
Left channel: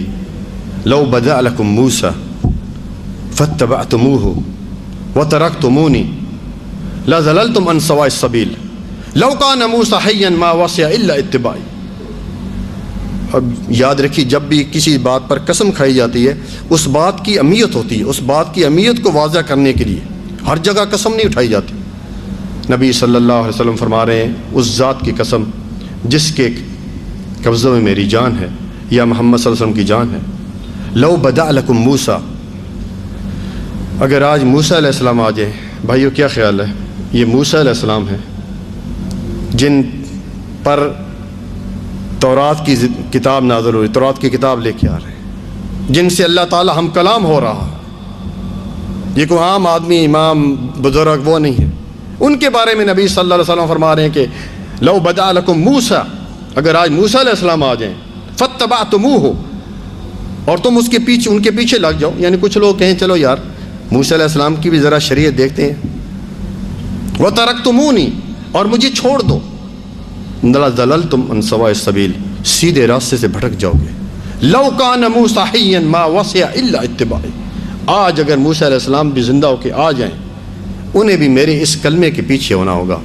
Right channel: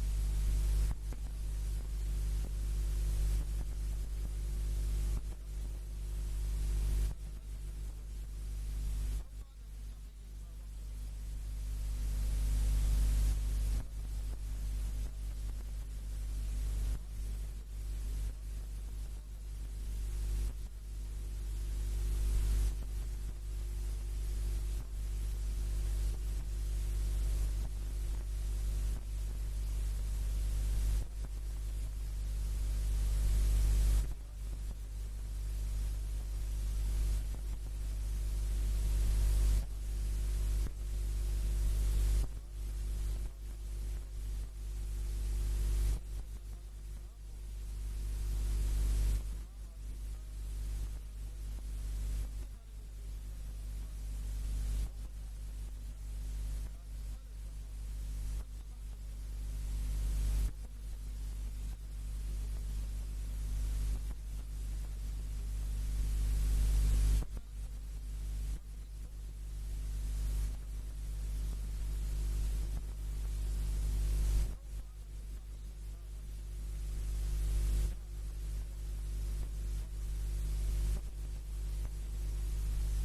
لو بدأ لکم موسیٰ فاتبعتموہ وترکتمونی لظللتم عن سواء السبیل لو کان موسیٰ حیا ما وسع الا اتباعی۔ اب یاد رکھیے جب بھی کسی بات پر قسم کھائی جاتی ہے اس بات کی اہمیت ہوتی ہے، اس بات کی اہمیت کو واضح کرنے کے لیے ہر جگہ قسم نہیں اٹھائی جاتی۔ نبی صلی اللہ علیہ وسلم فرما رہے ہیں اس ذات کی قسم جس کے قبضے میں میری جان ہے یا محمد صلی اللہ علیہ وسلم کی جان ہے، لو بدأ لکم موسیٰ، اگر آج موسیٰ علیہ السلام آ جائیں، بھائیو کیا خیال ہے؟ یہ موسیٰ علیہ السلام ہیں جن پر تورات کی کتاب نازل ہو رہی، تورات کی کتاب لے کے آ رہے ہیں، جن سے اللہ تعالی ہم کلام ہو رہا، یہ کوئی عام آدمی امام بزرگ وہ نہیں ہے، ان کے بارے میں نبی صلی اللہ علیہ وسلم فرما رہے ہیں کہ لو بدأ لکم موسیٰ، اگر آج موسیٰ علیہ السلام آ جائیں، فاتبعتموہ، اور تم اس کے پیچھے ان کے پیچھے لگ جاؤ، یعنی کچھ لوگ کہیں چلو یار موسیٰ علیہ السلام کی بھی ذرا شریعت دیکھتے ہیں، وترکتمونی، اور مجھے چھوڑ دو، لظللتم عن سواء السبیل، سیدھے راستے سے بھٹک جاؤ گے، لو کان موسیٰ حیا ما وسع الا اتباعی، آج اگر موسیٰ علیہ السلام بھی زندہ ہو کے آ جائیں انہیں بھی میرے اس کلمے کے پیچھے ہونا ہوگا،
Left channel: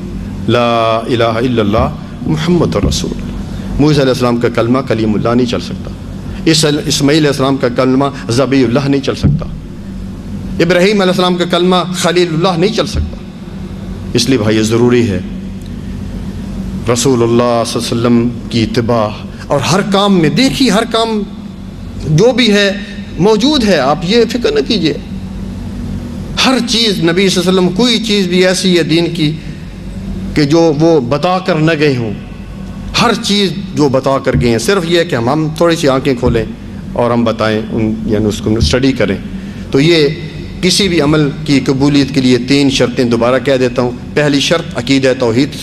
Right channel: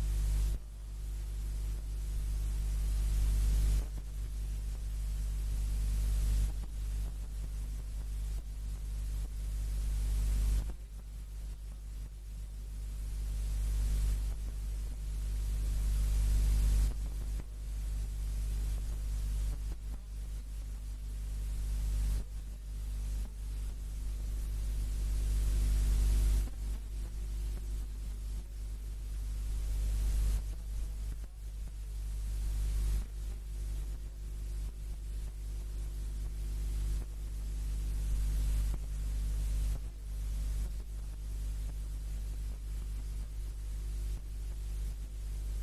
لا الہ الا اللہ محمد رسول اللہ۔ موسیٰ علیہ السلام کا کلمہ کلیم اللہ نہیں چل سکتا، اسماعیل علیہ السلام کا کلمہ ذبیح اللہ نہیں چل سکتا، ابراہیم علیہ السلام کا کلمہ خلیل اللہ نہیں چل سکتا۔ اس لیے بھائی ضروری ہے رسول اللہ صلی اللہ علیہ وسلم کی اتباع، اور ہر کام میں دیکھیے، ہر کام جو بھی ہے موجود ہے، آپ یہ فکر نہ کیجئے، ہر چیز نبی صلی اللہ علیہ وسلم، کوئی چیز بھی ایسی ہے دین کی کہ جو وہ بتا کر نہ گئے ہوں، ہر چیز جو بتا کر گئے ہیں، صرف یہ ہے کہ ہم تھوڑی سی آنکھیں کھولیں اور ہم بتائیں، یعنی اس کو اسٹڈی کریں۔ تو یہ کسی بھی عمل کی قبولیت کے لیے 3 شرطیں دوبارہ کہہ دیتا ہوں۔ پہلی شرط عقیدہ توحید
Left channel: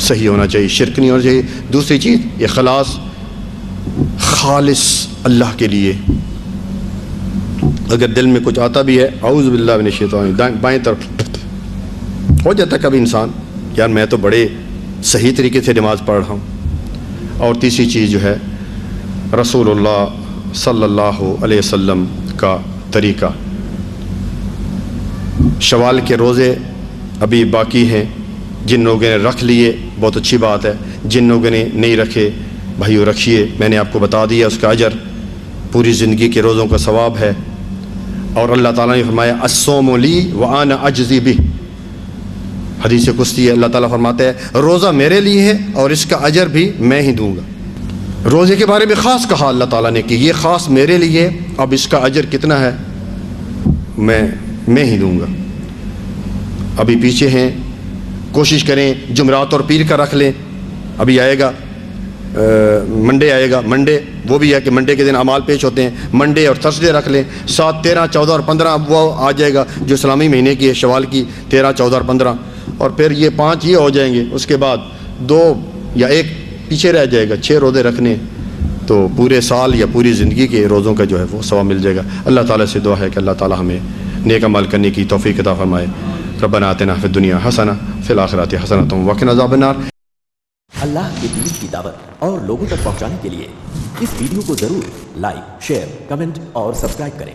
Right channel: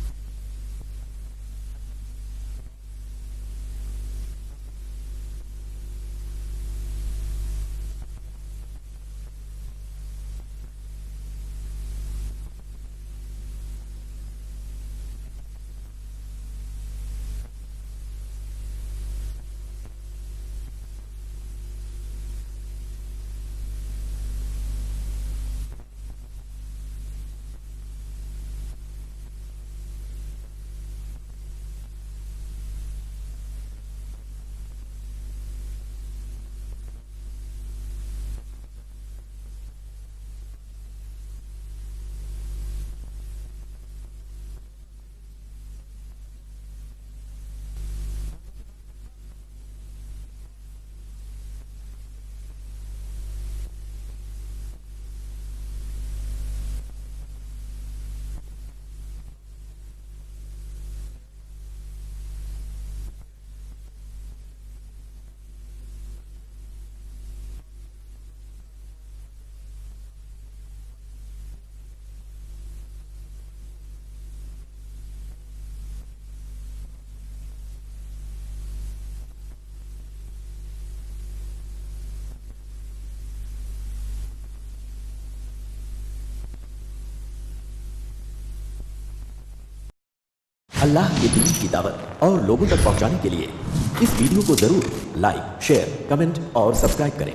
صحیح ہونا چاہیے، شرک نہیں ہونا چاہیے۔ دوسری چیز اخلاص، خالص اللہ کے لیے، اگر دل میں کچھ آتا بھی ہے اعوذ باللہ من الشیطان، بائیں طرف ہو جاتا ہے کبھی انسان، یار میں تو بڑے صحیح طریقے سے نماز پڑھ رہا ہوں۔ اور تیسری چیز جو ہے رسول اللہ صلی اللہ علیہ وسلم کا طریقہ۔ شوال کے روزے ابھی باقی ہیں، جن لوگوں نے رکھ لیے بہت اچھی بات ہے، جن لوگوں نے نہیں رکھے بھائیو رکھیے، میں نے آپ کو بتا دیا اس کا اجر پوری زندگی کے روزوں کا ثواب ہے۔ اور اللہ تعالیٰ نے فرمایا الصوم لی وانا اجزی بہ، حدیث قدسی ہے، اللہ تعالیٰ فرماتے ہیں روزہ میرے لیے ہے اور اس کا اجر بھی میں ہی دوں گا۔ روزے کے بارے میں خاص کہا اللہ تعالیٰ نے کہ یہ خاص میرے لیے، اب اس کا اجر کتنا ہے میں ہی دوں گا۔ ابھی پیچھے ہیں، کوشش کریں جمعرات اور پیر کا رکھ لیں، ابھی آئے گا منڈے آئے گا، منڈے وہ بھی ہے کہ منڈے کے دن اعمال پیش ہوتے ہیں، منڈے اور تھرسڈے رکھ لیں۔ 7، 13، 14 اور 15 وہ آ جائے گا جو اسلامی مہینے کی ہے، شوال کی 13، 14 اور 15، اور پھر یہ 5 یہ ہو جائیں گے، اس کے بعد 2 یا 1 پیچھے رہ جائے گا، 6 روزے رکھنے، تو پورے سال یا پوری زندگی کے روزوں کا جو ہے وہ ثواب مل جائے گا۔ اللہ تعالیٰ سے دعا ہے کہ اللہ تعالیٰ ہمیں نیک عمل کرنے کی توفیق عطا فرمائے۔ ربنا آتنا فی الدنیا حسنہ فی الآخرۃ حسنۃ وقنا عذاب النار۔ اللہ کے دین کی دعوت اور لوگوں تک پہنچانے کے لیے اس ویڈیو کو ضرور لائک، شیئر، کمنٹ اور سبسکرائب کریں۔